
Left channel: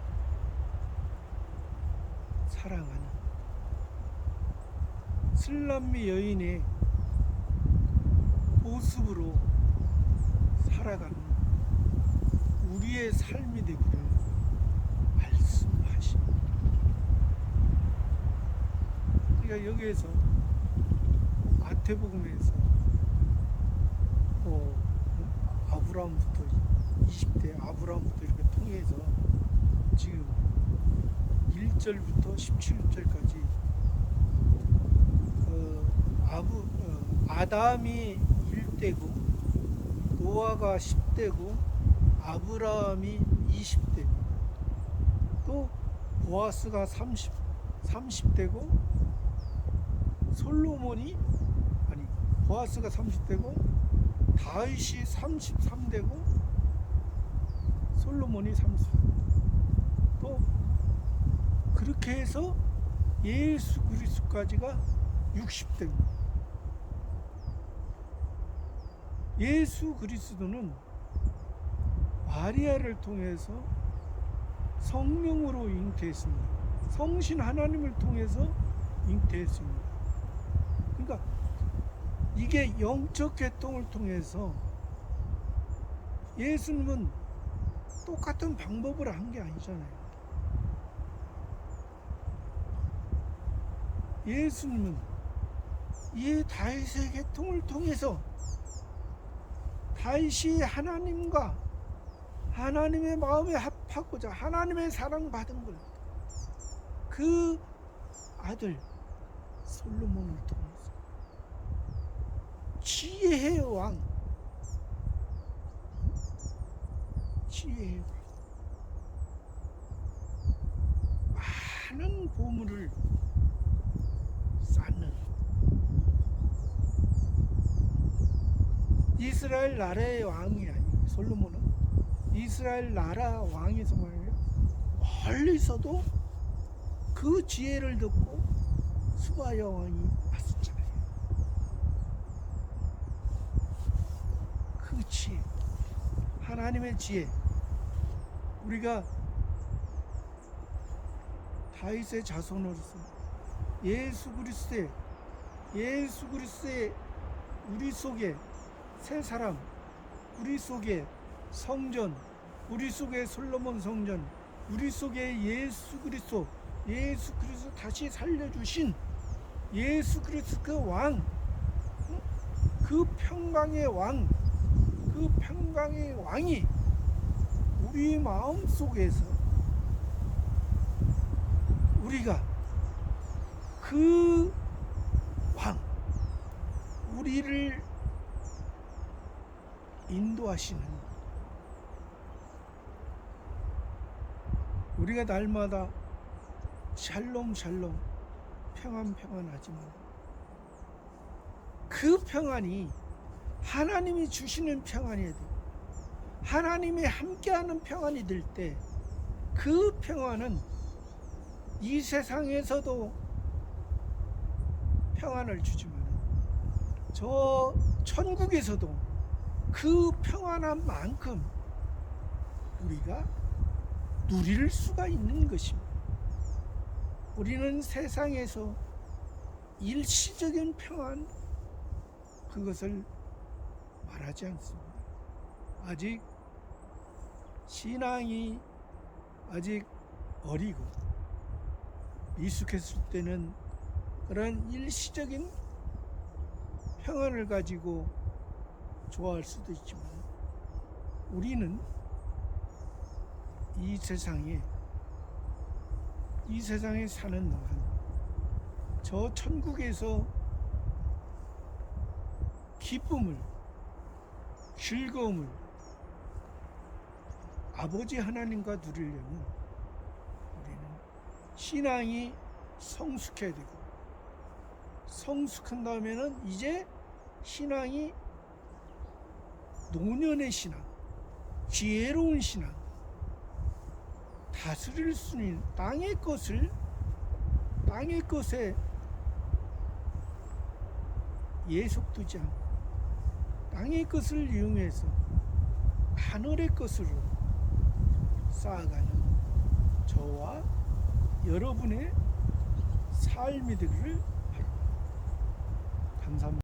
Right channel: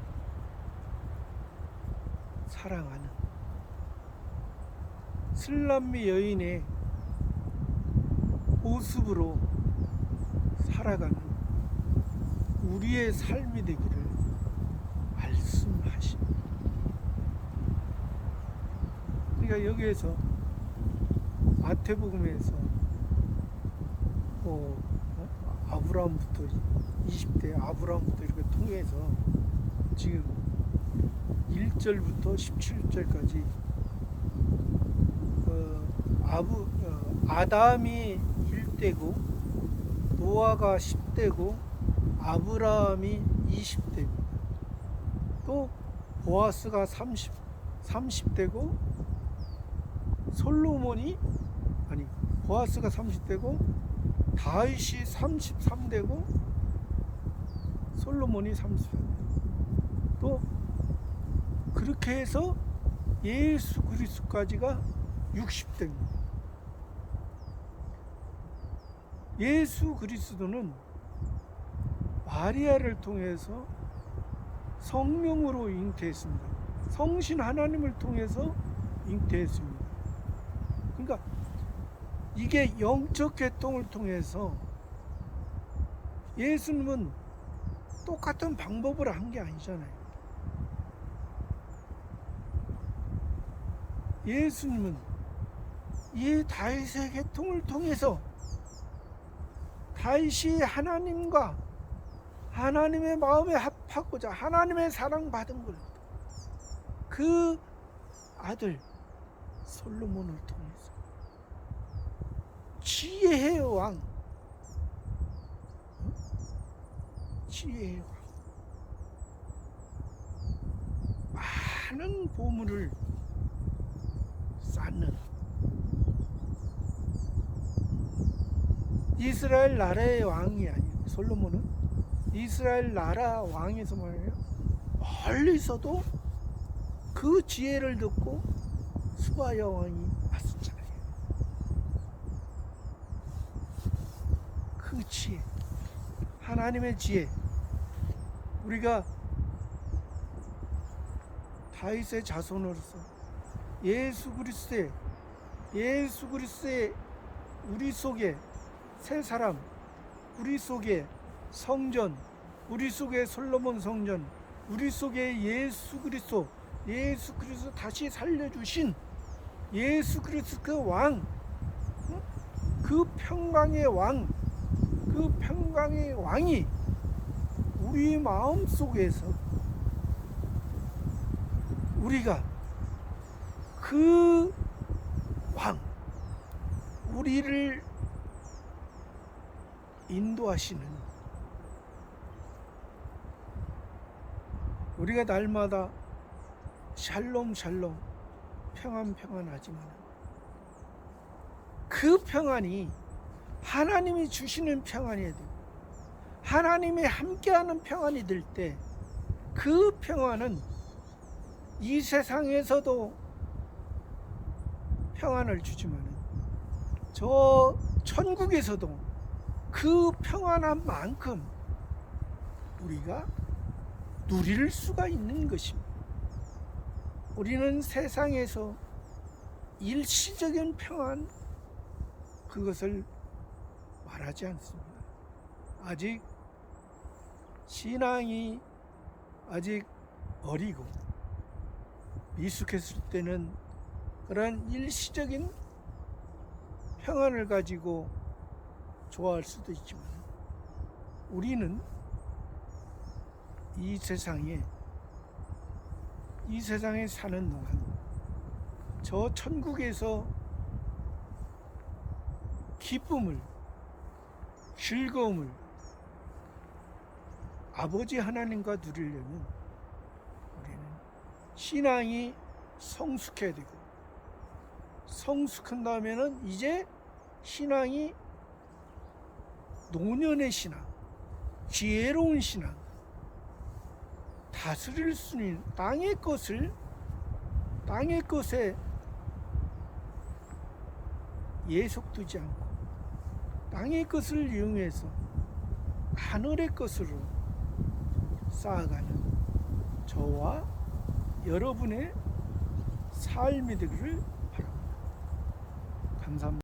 사랑하는, 술람미 여인의 모습으로 살아가는 우리의 삶이 되기를 그러니까 여기에서 마태복음에서 아브라함부터 20대 아브라함부터 이렇게 통해서 지금 1절부터 17절까지 아담이 1대고 노아가 10대고 아브라함이 20대입니다. 또 보아스가 30대고 보아스가 30대고 다윗이 33대고 솔로몬이 33대. 또 그렇게 해서 예수 그리스도까지가 60대입니다. 예수 그리스도는 마리아를 통해서 성령으로 잉태했습니다. 성신 하나님을 통해서 잉태했습니다. 그러니까 이게 영적 계통을 통해서 예수님은 똑같은 방법으로 한 게 아니잖아요. 예수님은 이 다윗의 계통을 통해서 다윗이 하나님과 하나님의 마음에 합하고자 하나님의 사랑받은 걸 그 아들 솔로몬을 통해서 지혜의 왕, 지혜의 왕, 많은 보물을 쌓는 이스라엘 나라의 왕이 아니에요. 솔로몬은 이스라엘 나라 왕에서 말이에요. 멀리서도 그 지혜를 듣고 스바 여왕이 왔었잖아요. 그 지혜, 하나님의 지혜, 우리가 다윗의 자손으로서 예수 그리스도의 우리 속에 새 사람, 우리 속에 성전, 우리 속에 솔로몬 성전, 우리 속에 예수 그리스도 다시 살려주신 예수 그리스도 그 왕, 그 평강의 왕, 그 평강의 왕이 우리 마음 속에서 우리가 그 왕, 우리를 인도하시는, 우리가 날마다 샬롬 평안하지만 그 평안이 하나님이 주시는 평안이어야 돼요. 하나님이 함께하는 평안이 될 때 그 평안은 이 세상에서도 평안을 주지만 저 천국에서도 그 평안한 만큼 우리가 누릴 수가 있는 것입니다. 우리는 세상에서 일시적인 평안, 그것을 말하지 않습니다. 아직 신앙이 아직 어리고 미숙했을 때는 그런 일시적인 평안을 가지고 좋아할 수도 있지만 우리는 이 세상에 사는 동안 저 천국에서 기쁨을, 즐거움을 아버지 하나님과 누리려면 우리는 신앙이 성숙해야 되고, 성숙한 다음에는 이제 신앙이 노년의 신앙, 지혜로운 신앙, 다스릴 수 있는 땅의 것에 예속두지 않고 땅의 것을 이용해서 하늘의 것으로 쌓아가는 저와 여러분의 삶이 되기를 바랍니다. 감사합니다.